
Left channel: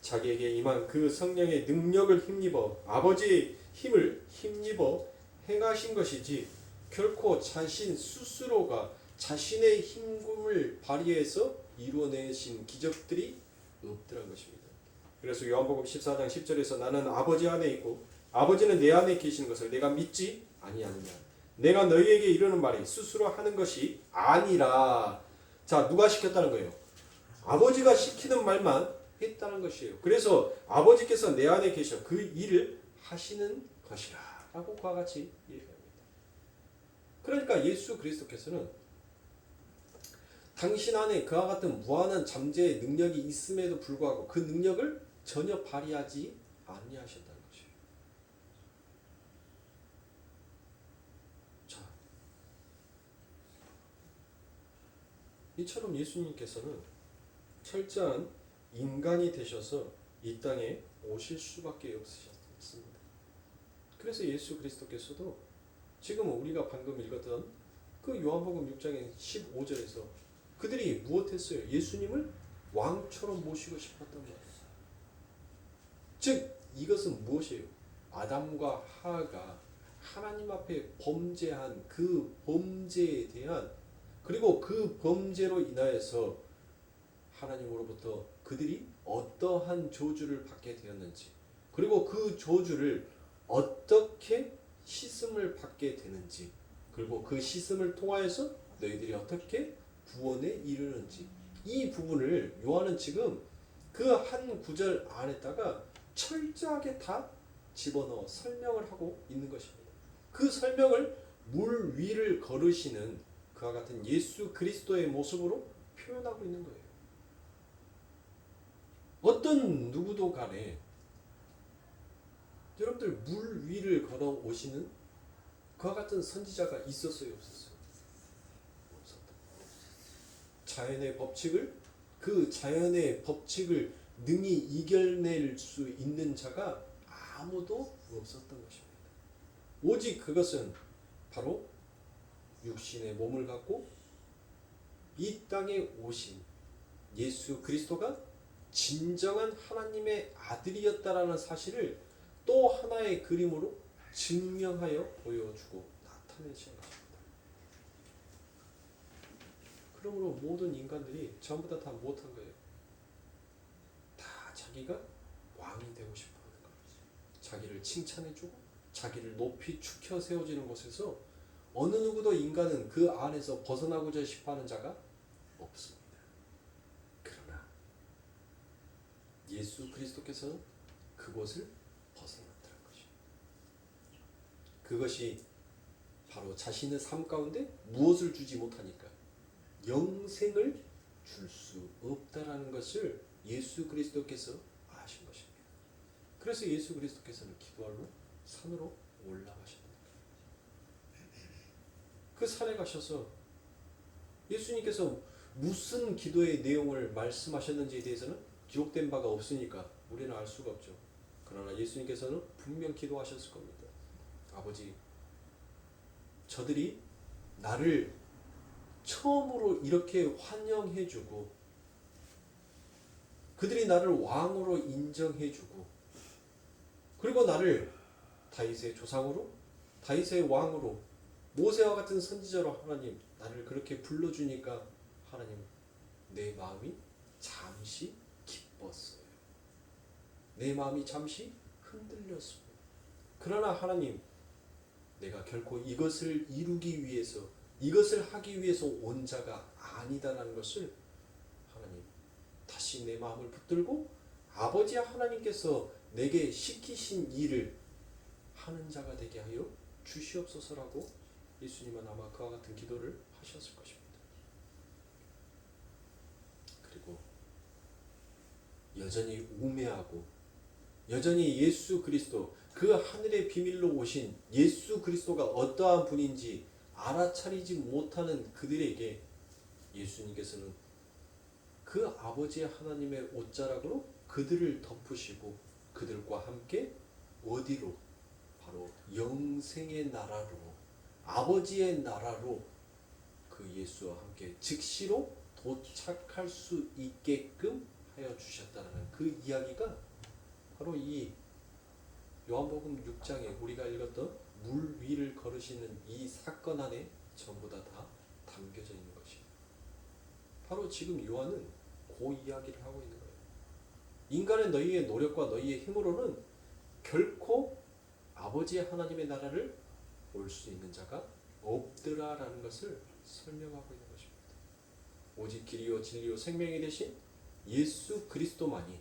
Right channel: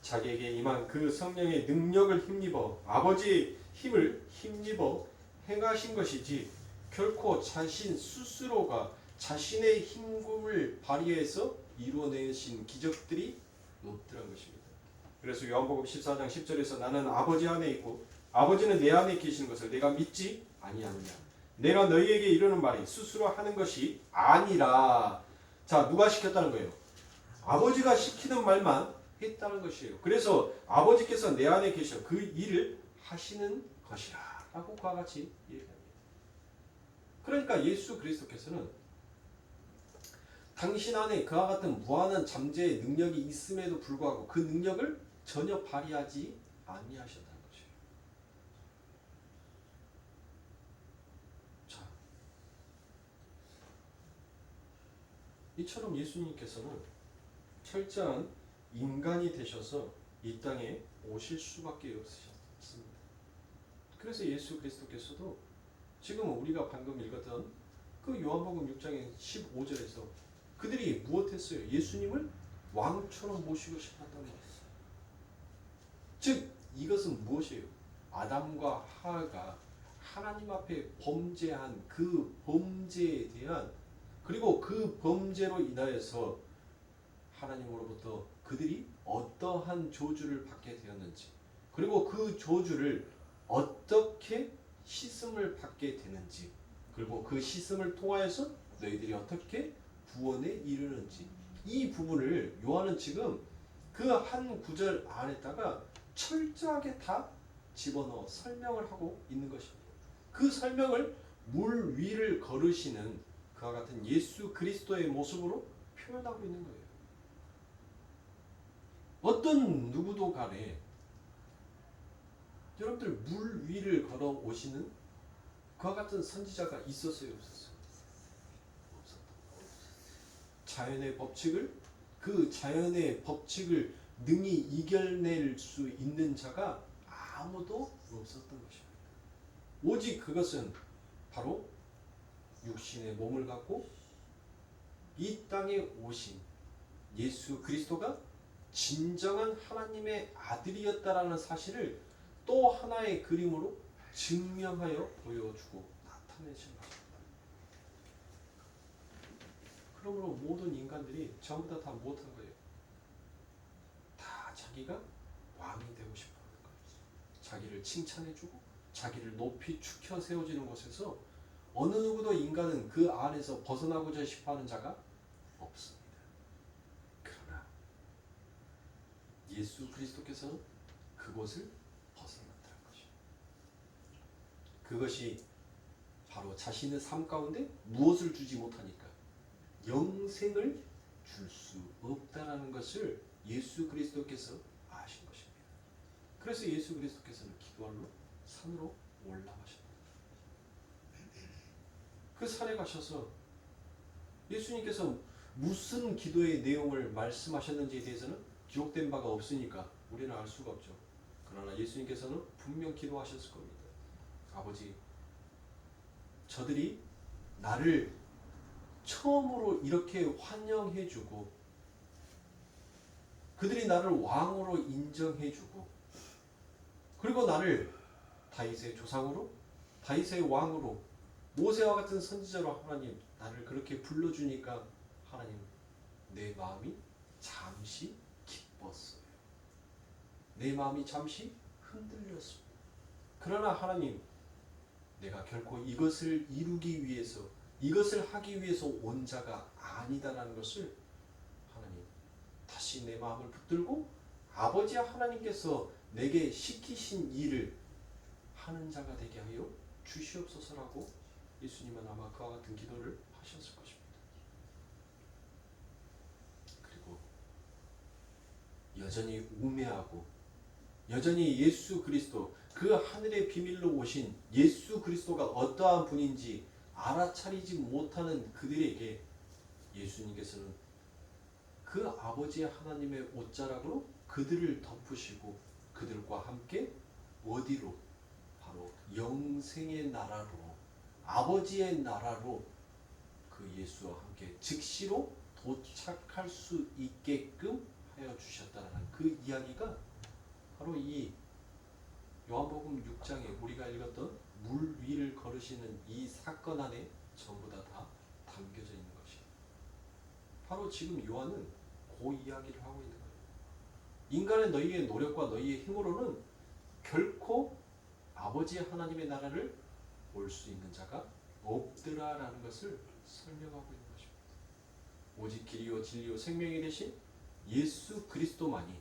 자기에게 임한 그 성령의 능력을 힘입어 아버지의 힘을 힘입어 행하신 것이지 결코 자신 스스로가 자신의 힘을 발휘해서 이루어내신 기적들이 없더란 것입니다. 그래서 요한복음 14장 10절에서 나는 아버지 안에 있고 아버지는 내 안에 계시는 것을 내가 믿지 아니하느냐. 내가 너희에게 이르는 말이 스스로 하는 것이 아니라. 자, 누가 시켰다는 거예요? 아버지가 시키는 말만 했다는 것이에요. 그래서 아버지께서 내 안에 계셔 그 일을 하시는 것이라 라고 그와 같이 얘기합니다. 그러니까 예수 그리스도께서는 당신 안에 그와 같은 무한한 잠재의 능력이 있음에도 불구하고 그 능력을 전혀 발휘하지 아니하셨다는 것이에요. 자, 이처럼 예수님께서는 철저한 인간이 되셔서 이 땅에 오실 수밖에 없으셨습니다. 그래서 예수 그리스도께서도 지금 우리가 방금 읽었던 그 요한복음 6장의 15절에서 그들이 무엇했어요? 예수님을 왕처럼 모시고 싶었던 거예요. 즉 이것은 무엇이에요? 아담과 하와가 하나님 앞에 범죄한 그 범죄에 대한 그리고 그 범죄로 인하여서 하나님으로부터 그들이 어떠한 저주를 받게 되었는지 그리고 그 저주를 어떻게 씻음을 받게 되는지 그리고 그 씻음을 통하여서 너희들이 어떻게 구원에 이르는지 이 부분을 요한은 지금 그 한 구절 안에다가 철저하게 다 집어넣어 설명을 하고 있는 것입니다. 그 설명을 물 위를 걸으시는 그와 같은 예수 그리스도의 모습으로 표현하고 있는 거예요. 어떤 누구도 간에 여러분들 물 위를 걸어 오시는 그와 같은 선지자가 있었어요, 없었어요? 없었다. 자연의 법칙을 그 자연의 법칙을 능히 이겨낼 수 있는 자가 아무도 없었던 것입니다. 오직 그것은 바로 육신의 몸을 갖고 이 땅에 오신 예수 그리스도가 진정한 하나님의 아들이었다라는 사실을 또 하나의 그림으로 증명하여 보여주고 나타내신 것입니다. 그러므로 모든 인간들이 전부 다 못한 거예요. 다 자기가 왕이 되고 싶어하는 거예요. 자기를 칭찬해주고 자기를 높이 축혀 세워지는 것에서 어느 누구도 인간은 그 안에서 벗어나고자 싶어하는 자가 없습니다. 그러나 예수 그리스도께서는 그곳을 벗어났다는 것입니다. 그것이 바로 자신의 삶 가운데 무엇을 주지 못하니까 영생을 줄 수 없다라는 것을 예수 그리스도께서 아신 것입니다. 그래서 예수 그리스도께서는 기도하러 산으로 올라가셨다. 그 산에 가셔서 예수님께서 무슨 기도의 내용을 말씀하셨는지에 대해서는 기록된 바가 없으니까 우리는 알 수가 없죠. 그러나 예수님께서는 분명 기도하셨을 겁니다. 아버지, 저들이 나를 처음으로 이렇게 환영해주고 그들이 나를 왕으로 인정해주고 그리고 나를 다윗의 조상으로 다윗의 왕으로 모세와 같은 선지자로 하나님 나를 그렇게 불러주니까 하나님 내 마음이 잠시 기뻤어요. 내 마음이 잠시 흔들렸습니다. 그러나 하나님 내가 결코 이것을 이루기 위해서 이것을 하기 위해서 온 자가 아니다라는 것을 하나님 다시 내 마음을 붙들고 아버지 하나님께서 내게 시키신 일을 하는 자가 되게 하여 주시옵소서라고 예수님은 아마 그와 같은 기도를 하셨을 것입니다. 그리고 여전히 우매하고 여전히 예수 그리스도 그 하늘의 비밀로 오신 예수 그리스도가 어떠한 분인지 알아차리지 못하는 그들에게 예수님께서는 그 아버지 하나님의 옷자락으로 그들을 덮으시고 그들과 함께 어디로? 바로 영생의 나라로 아버지의 나라로 그 예수와 함께 즉시로 도착할 수 있게끔 하여 주셨다는 그 이야기가 바로 이 요한복음 6장에 우리가 읽었던 물 위를 걸으시는 이 사건 안에 전부 다 담겨져 있는 것입니다. 바로 지금 요한은 그 이야기를 하고 있는 거예요. 인간의 너희의 노력과 너희의 힘으로는 결코 아버지 하나님의 나라를 볼 수 있는 자가 없더라라는 것을 설명하고 있는 것입니다. 오직 길이요 진리요 생명이 되신 예수 그리스도만이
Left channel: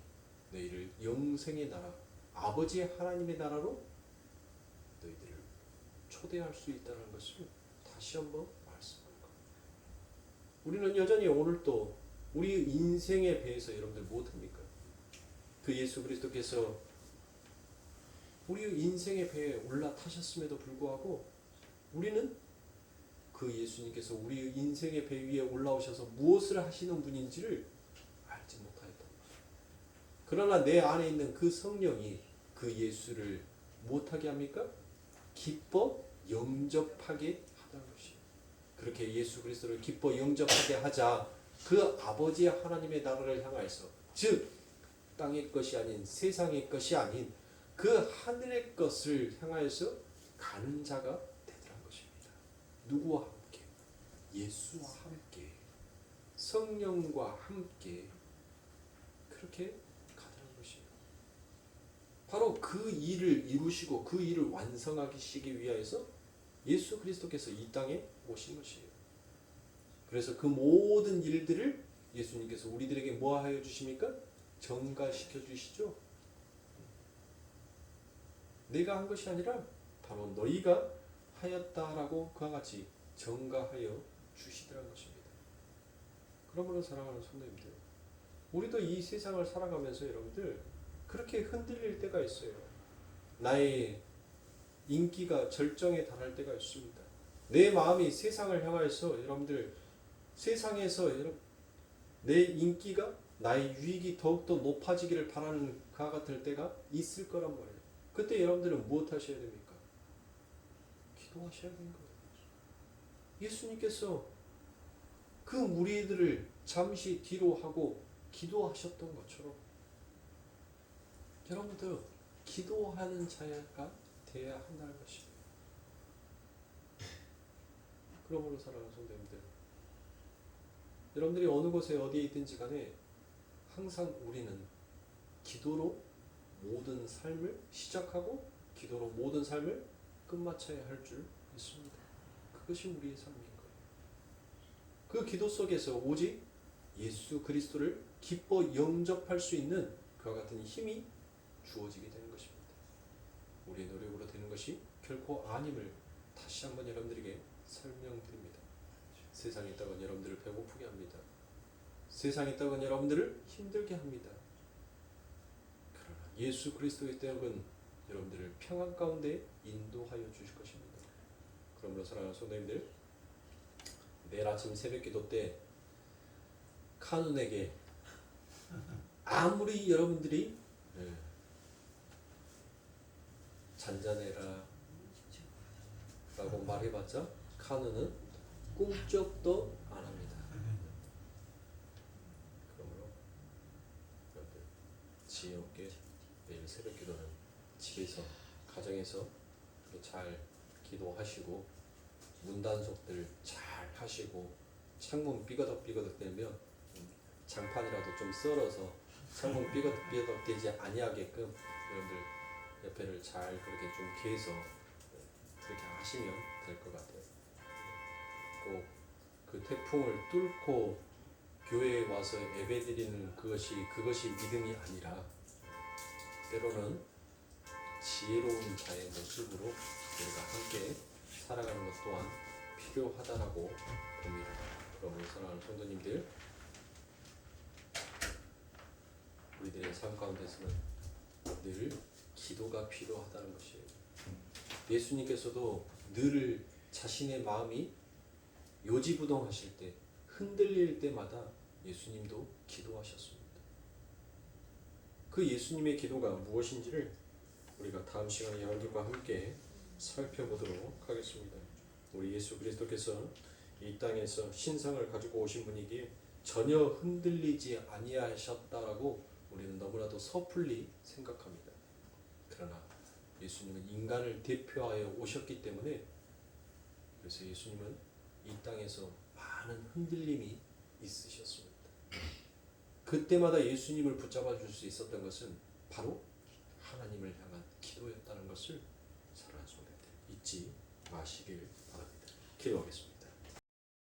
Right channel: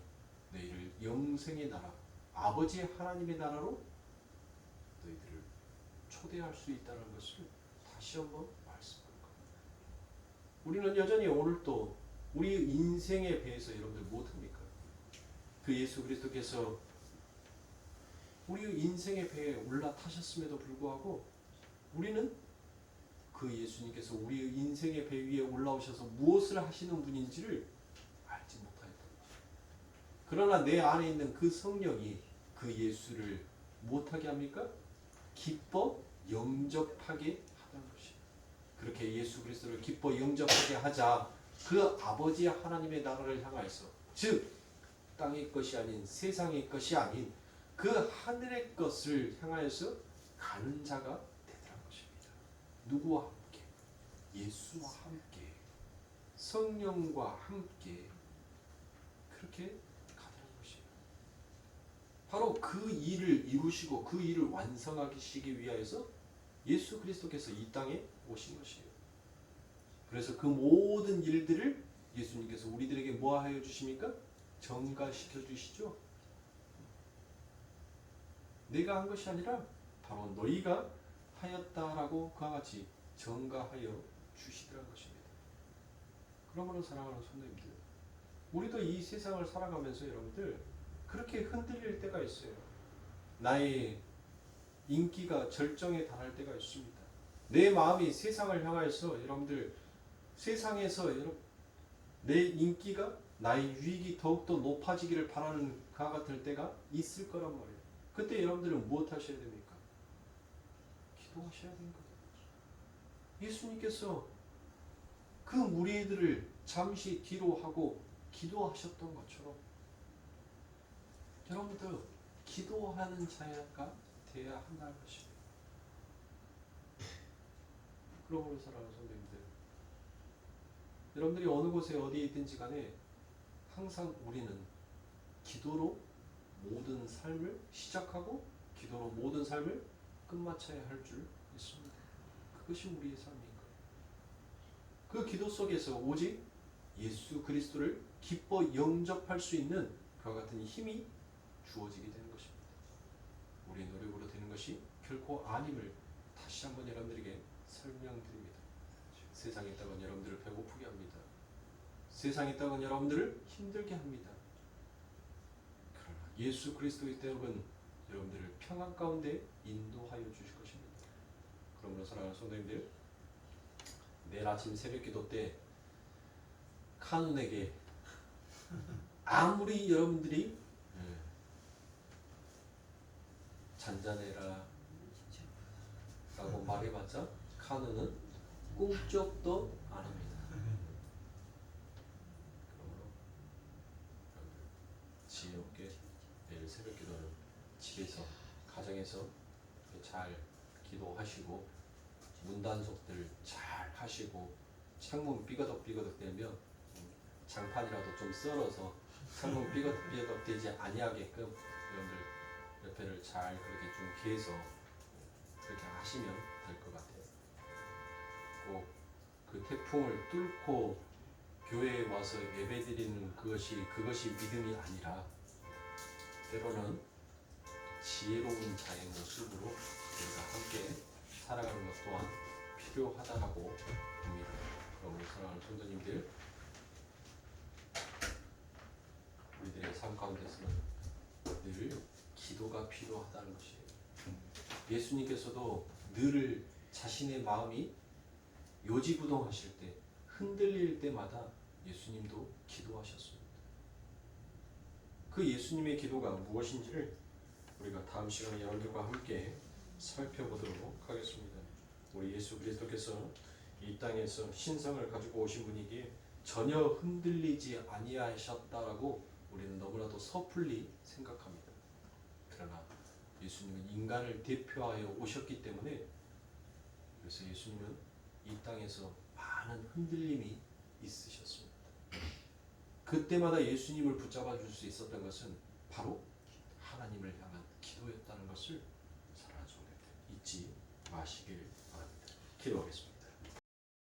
너희를 영생의 나라, 아버지의 하나님의 나라로 너희들을 초대할 수 있다는 것을 다시 한번 말씀합니다. 우리는 여전히 오늘도 우리 인생의 배에서 여러분들 못합니까? 그 예수 그리스도께서 우리 인생의 배에 올라타셨음에도 불구하고 우리는 그 예수님께서 우리 인생의 배 위에 올라오셔서 무엇을 하시는 분인지를 알지 못하였다. 그러나 내 안에 있는 그 성령이 그 예수를 못하게 합니까? 기뻐 영접하게 하다는 것입니다. 그렇게 예수 그리스도를 기뻐 영접하게 하자 그 아버지 하나님의 나라를 향하여서, 즉 땅의 것이 아닌 세상의 것이 아닌 그 하늘의 것을 향하여서 가는 자가 되더란 것입니다. 누구와 함께? 예수와 함께, 성령과 함께 그렇게 가더란 것입니다. 바로 그 일을 이루시고 그 일을 완성하시기 위하여서 예수 그리스도께서 이 땅에 오신 것이에요. 그래서 그 모든 일들을 예수님께서 우리들에게 뭐 하여 주십니까? 전가시켜 주시죠. 내가 한 것이 아니라 바로 너희가 하였다라고 그와 같이 전가하여 주시더라는 것입니다. 그러므로 사랑하는 성도님들, 우리도 이 세상을 살아가면서 여러분들 그렇게 흔들릴 때가 있어요. 나의 인기가 절정에 달할 때가 있습니다. 내 마음이 세상을 향하여서 여러분들 세상에서 내 인기가 나의 유익이 더욱더 높아지기를 바라는 그와 같을 때가 있을 거란 말이에요. 그때 여러분들은 무엇 하셔야 됩니까? 기도하셔야 되는 거예요. 예수님께서 그 무리들을 잠시 뒤로 하고 기도하셨던 것처럼 여러분들 기도하는 자가 되어야 한다는 것입니다. 그러므로 사랑하는 성도님들, 여러분들이 어느 곳에 어디에 있든지 간에 항상 우리는 기도로 모든 삶을 시작하고 기도로 모든 삶을 끝마쳐야 할 줄 믿습니다. 그것이 우리의 삶인 거예요. 그 기도 속에서 오직 예수 그리스도를 기뻐 영접할 수 있는 그와 같은 힘이 주어지게 되는 것입니다. 우리의 노력으로 되는 것이 결코 아님을 다시 한번 여러분들에게 설명드립니다. 세상에 있다간 여러분들을 배고프게 합니다. 세상에 있다간 여러분들을 힘들게 합니다. 그러나 예수 그리스도의 때는 여러분들을 평안 가운데 인도하여 주실 것입니다. 그러므로 사랑하는 성도님들, 내일 아침 새벽 기도 때 카눈에게 아무리 여러분들이 잔잔해라 라고 말해봤자 카눈은 꿈쩍도 안 합니다. 그러므로 여러분들 지혜 없게 내일 새벽 기도는 집에서 가정에서 잘 기도하시고 문단속들 잘 하시고 창문 삐거덕삐거덕 되면 장판이라도 좀 썰어서 창문 삐거덕삐거덕 되지 아니하게끔 여러분들 옆에를 잘 그렇게 좀 개서 그렇게 하시면 될 것 같아요. 꼭 그 태풍을 뚫고 교회에 와서 예배드리는 그것이 믿음이 아니라 때로는 지혜로운 자의 모습으로 우리가 함께 살아가는 것 또한 필요하다라고 봅니다. 그럼 사랑하는 성도님들, 우리들의 삶 가운데서는 늘 기도가 필요하다는 것이에요. 예수님께서도 늘 자신의 마음이 요지부동하실 때, 흔들릴 때마다 예수님도 기도하셨습니다. 그 예수님의 기도가 무엇인지를 우리가 다음 시간에 여러분들과 함께 살펴보도록 하겠습니다. 우리 예수 그리스도께서 이 땅에서 신상을 가지고 오신 분이기에 전혀 흔들리지 아니하셨다라고 우리는 너무나도 섣불리 생각합니다. 그러나 예수님은 인간을 대표하여 오셨기 때문에, 그래서 예수님은 이 땅에서 많은 흔들림이 있으셨습니다. 그때마다 예수님을 붙잡아 줄 수 있었던 것은 바로 하나님을 향한 기도였다는 것을 사랑하는 성도들 잊지 마시길 바랍니다. 기도하겠습니다.